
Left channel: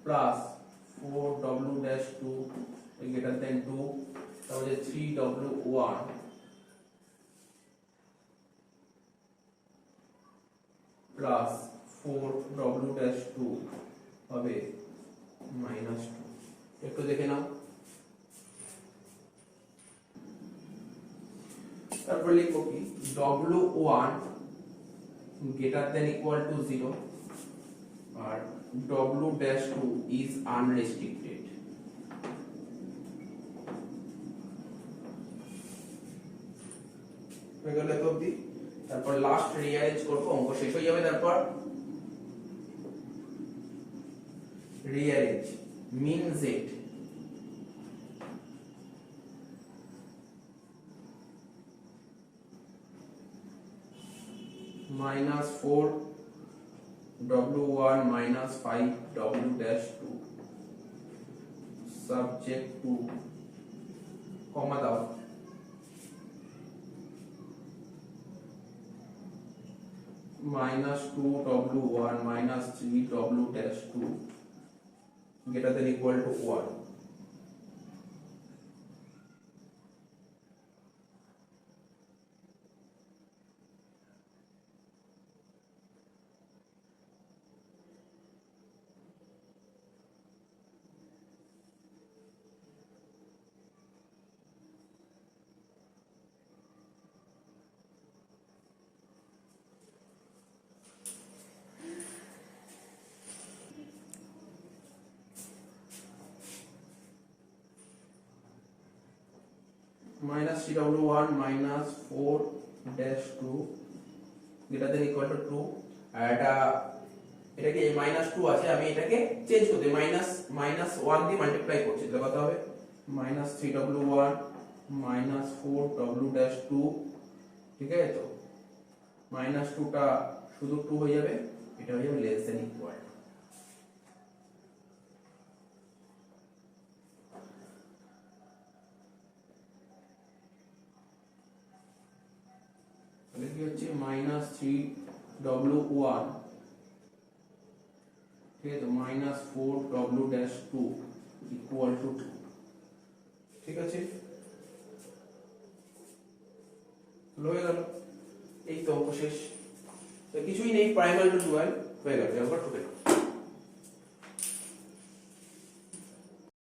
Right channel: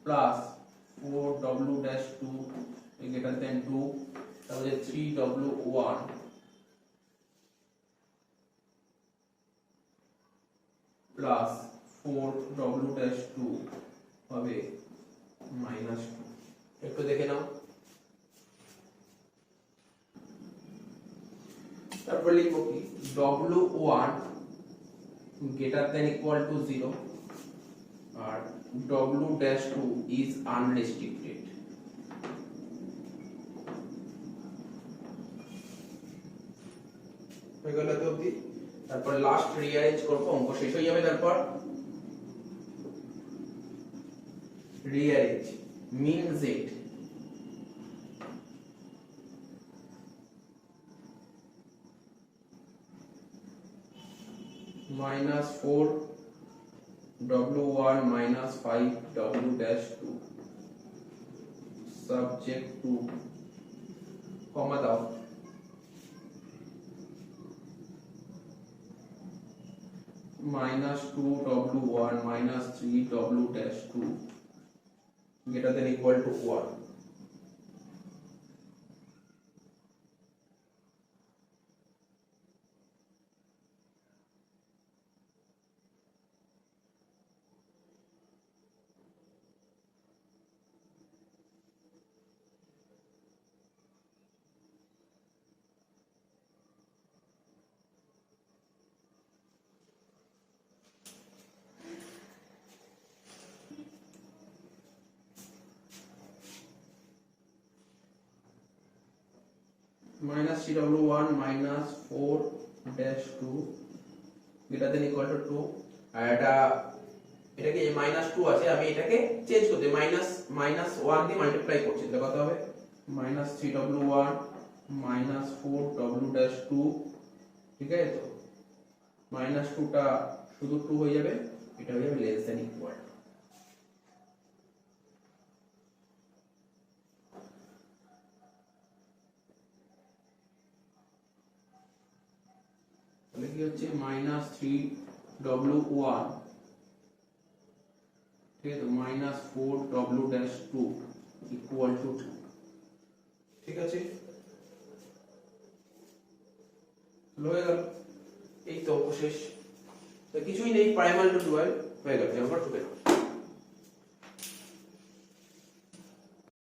plus 4 W-2 greater than 2, তাহলে 3 W1 প্লাস 4 W-2 হবে -2। একটু দেখে নাও। তারপর লিখবো কি W1 greater than equal to 0 R W-2 is unrestricted। এগুলো তো অবধি, তারপর লাস্ট রিঅ্যারেঞ্জ করবো, অঙ্ক শেষ হয়ে যাবে। তারপর rearrange mean z minus 4 w1 minus 5 w dash 2 subject to comma দাও minus 2 w1 minus 3 w dash 2 greater than equal to 1. Minus 3w1 minus 4 dash 2 greater than equal to 2 আর এটাকে minus 2 আছে আমি এটাকে চেঞ্জ করতে minus 1 দিয়ে multiply করছি তাহলে কত হবে minus 3w1 minus 4w dash 2 ঠিক আছে তো minus 2 টা শুধু 2 হয়ে যাবে এটা হয়ে যাবে less than equal তাহলে কি হচ্ছে minus 3w1 ঠিক আছে minus 4w dash 2 equal to 2 ঠিক আছে হয়ে গেল এই তো অঙ্ক শেষ কিছুই নেই প্রাইমাল টু ডুয়াল হয়ে গেল এবার টুকে